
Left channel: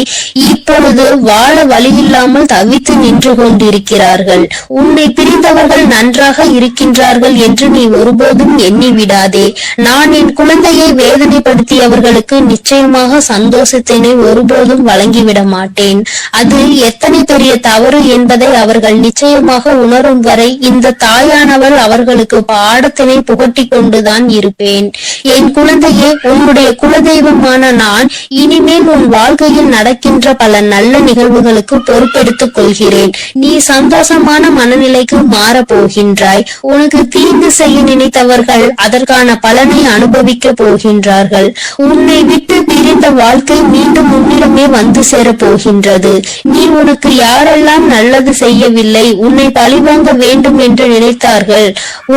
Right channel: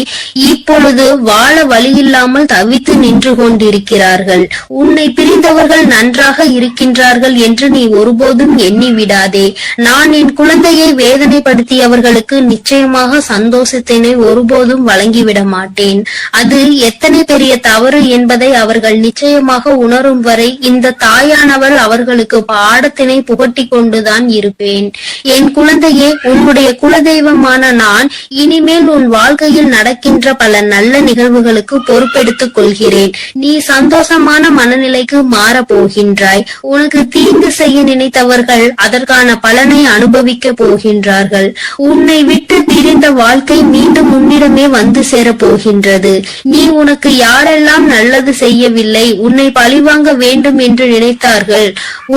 இப்பொழுது வாழ வழியில்லாமல் தவித்து நின்று கொண்டிருக்கிறார்கள். உன்னை பிரிந்தவர்கள் நன்றாக இருக்கின்றார்கள் என்று நீ ஒருபோதும் எண்ணி விடாதே. நான் என் குழந்தையை வேதனைப்படுத்தியவர்களுக்கு நிச்சயமாக சந்தோஷத்தினை ஒருபோதும் வழங்கிவிட மாட்டேன். அது எத்தனை பெரிய தவறு என்பதை அவர்கள் நிச்சயமாக உணரும் வரை இந்த தாயானவள் அவர்களுக்கு பாடத்தினை புகட்டி கொண்டுதான் இருப்பேன். என் குழந்தையே, உன்னுடைய குலதெய்வமான நான் இனிமேல் உன் வாழ்க்கையில் நடக்கின்ற பல நல்ல நிகழ்வுகளுக்கு பொறுப்பெடுத்துக் கொள்கிறேன். நீ சந்தோஷமான மனநிலைக்கு மாற போகின்றாய். உனக்கு தீங்கு செய்ய நினைத்தவர்கள் அதற்கான பலனை அனுபவிக்க போகின்றார்கள். உன்னை விட்டு பிரிந்த வாழ்க்கை மீண்டும் உன்னிடமே வந்து சேர போகின்றது. நீ உனக்கு யாரெல்லாம் நல்லது செய்யவில்லை, உன்னை பழிவாங்க வேண்டும் என்று நினைத்தார்கள்,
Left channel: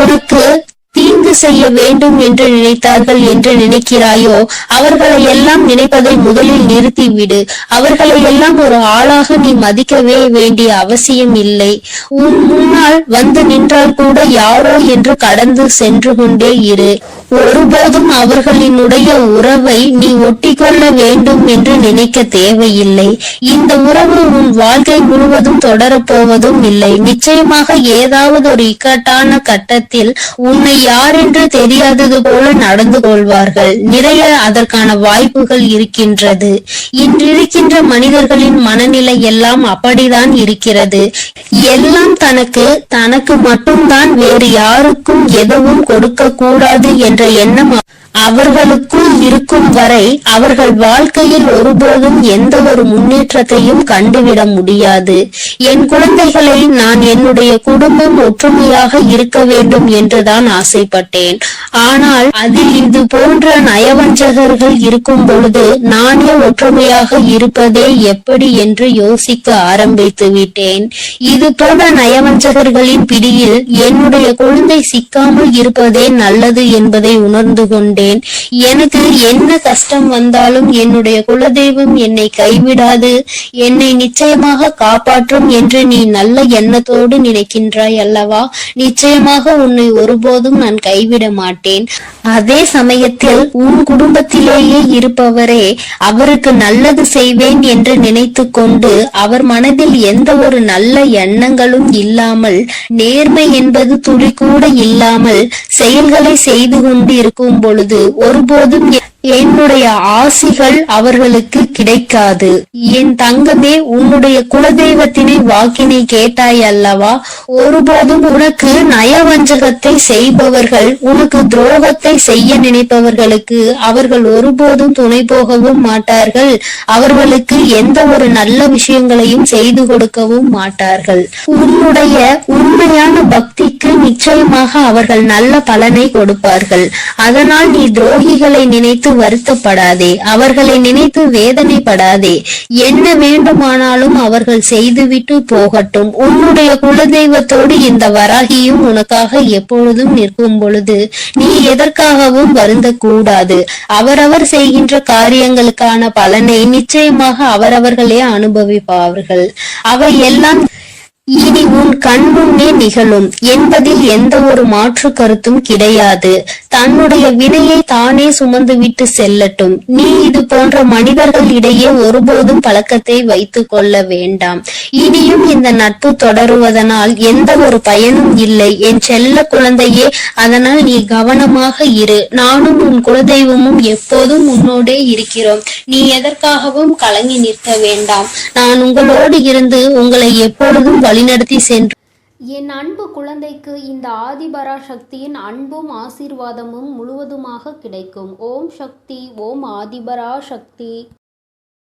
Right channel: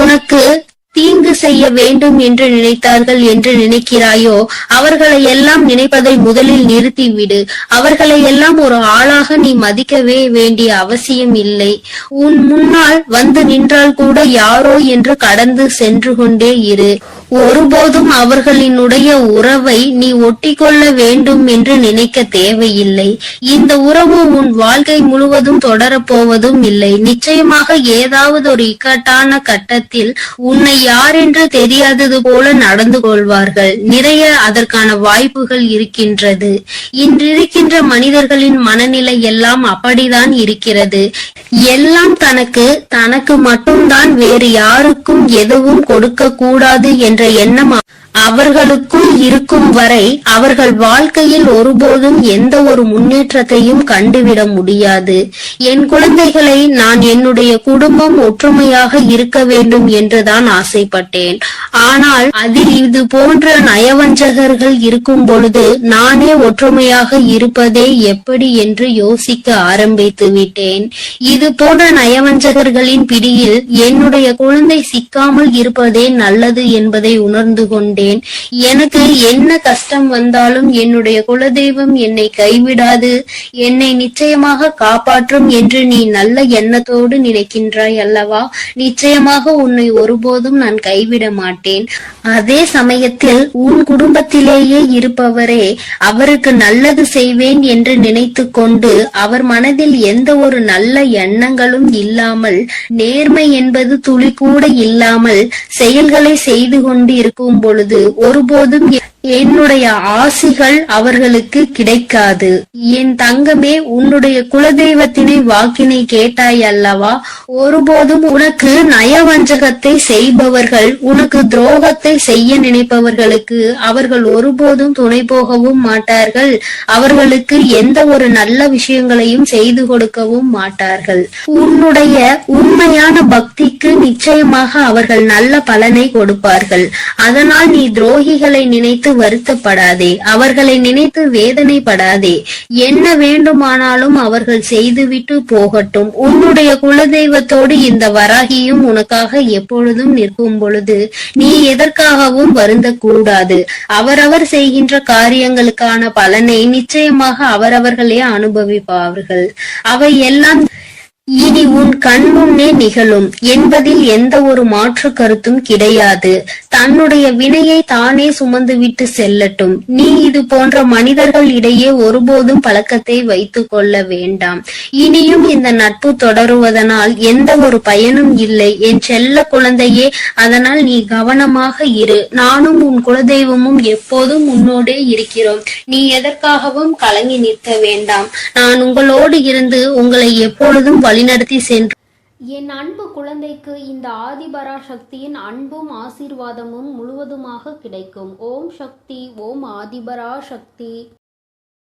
உனக்கு தீங்கு செய்ய வேண்டும் என்று நினைத்தார்கள் என்று நினைக்கிறாயோ, அவர்களை எல்லாம் நினைப்பதை முதலில் நிறுத்திவிடு. அவர்களை எல்லாம் ஒரு ஆளாக நீ மதிக்கவே வேண்டிய அவசியம் இல்லை. உன் முன்னால் வந்து நின்றால் கூட யாரோ என்று கடந்து சென்று கொண்டே இரு. ஒருபோதும் அவர்களினுடைய உறவை நீ ஒட்டிக்கொள்ள வேண்டும் என்று நினைக்க தேவையில்லை. இந்த உறவு உன் வாழ்க்கை முழுவதும் தொடரப்போவதும் இல்லை. நிச்சயமாக ஏதாவது ஒரு இக்கட்டான கட்டத்தில் உன்னை யாரென்று தெரியாதது போல நடந்து கொள்வார்கள். நிறைய அதற்கான வாய்ப்புகள் இருக்கின்றது. இன்றிருக்கின்ற மனிதர்களின் மனநிலை எல்லாம் அப்படிதான் இருக்கிறது. எல்லாம் தனக்கு மட்டும்தான், வேறு யாருக்கும் எதுவும் கொடுக்க கூடாது என்ற எண்ணம் அவர்களுக்குள் இருக்கும் வரை அவர்கள் வாழ்க்கையில் ஒருபோதும் எந்த ஒரு முன்னேற்றத்தையும் கண்டுவிட முடியாது. என் குழந்தைகளை நான் என்னுடைய குடும்பம் ஒற்றுமையாக இருக்க வேண்டும் என்றுதான் ஆசைப்பட்டேன். ஆனால் அதில் இது போன்ற நயவஞ்சகர்கள் இருக்கும் பொழுது நானே ஒற்றுமையாக இருப்பதே எப்படி என்று யோசிக்க ஆரம்பித்து விட்டேன். இது போன்ற நயவஞ்சகர்களின் பிடியில் என்னுடைய குழந்தை சிக்காமல் இருப்பதே நல்லது என்பதை உணர்ந்து கொண்டேன். எனக்கு என்ன கஷ்டம் வந்தாலும் என்னுடைய குலதெய்வம் என்னை கைவிடாது, என்னை நிச்சயமாக காப்பாற்றும் என்று நீ நல்ல எண்ணத்தோடு நினைக்கின்றாய் அல்லவா? நிச்சயமாக உன்னை ஒருபோதும் நான் கைவிட மாட்டேன். அதே சமயத்தில் உன் குடும்பத்திலேயே இருப்பவரே அவருக்கு நல்லது செய்வேன் என்று நினைத்து கொண்டு அவர் மனதில் எந்த ஒரு நல்ல எண்ணங்களும் இல்லாமல், நேர்மை என்பது துளி கூட இல்லாமல் செயல்களை செய்து கொண்டு இருக்கும் பொழுது ஒருபோதும் என்னுடைய ஆசிகள் அவர்களுக்கு கிடைக்காது. என் தங்கமே, உன்னுடைய குலதெய்வத்தினை வாக்கினை கேட்டாய் அல்லவா? ஒருபோதும் உனக்கு நயவஞ்சகத்தை செய்பவர்கள், உனக்கு துரோகத்தை செய்ய நினைப்பவர்களுக்கு அவர்கள் ஒருபோதும் துணை போகவும் மாட்டார்கள். அவர்களுக்கு எந்த ஒரு நல்ல விஷயங்களையும் செய்து கொடுக்கவும் மாட்டார்கள். உன்னுடைய உண்மையான பக்திக்கு நிச்சயமாக அவர்கள் நல்ல பலனை கொடுப்பார்கள். அதனால் நீ துரோகிகளை நினைத்து வருத்தப்படாதே, அவர்களை நினைத்து வேதனைப்படாதே. என்ன வேண்டுமானாலும் அவர்கள் செய்துவிட்டு போகட்டும். உன்னுடைய குலதெய்வத்தோடு இந்த வராகியும் உனக்காக எப்பொழுதும் நிற்கும் பொழுது நீ எதற்காகவும் வருந்தக்கூடாது. அவரவர் செய்கின்ற காரியங்களுக்கான பலனை நிச்சயமாக அவரவர்களே அனுபவிப்பார்கள். அவை எல்லாம் இனி உன் கண்முன்னே நிகழும் என்பதில் எந்த ஒரு மாற்று கருத்தும் கிடையாது. தன்னுடைய வினையை தானே சுமந்து விட்டு செல்லட்டும். நீ இது போன்ற மனிதர்கள் இடையே ஒருபோதும் பழக்கத்தை வைத்துக் கொள்ள வேண்டாம். இனியும் இந்த நட்பு தொடருவதனால் எந்த ஒரு பயனும் இல்லை என் செல்ல குழந்தையே. அதனால் நீ கவனமாக இரு. நானும் உன் குலதெய்வமும் எப்போதும் உன்னோடே இருக்கிறோம். நீ எதற்காகவும் கலங்கி நிற்க வேண்டாம். நான் உங்களோடு இருந்து உங்களை எப்பொழுதும் வழிநடத்தி சென்று என் அன்பு குழந்தைக்கு இந்த ஆதிபராசக்தியின் அன்பும் ஆசீர்வாதமும் முழுவதுமாக கிடைக்கும். ஓம் சக்தி, ஓம் ஆதிபராசக்தி.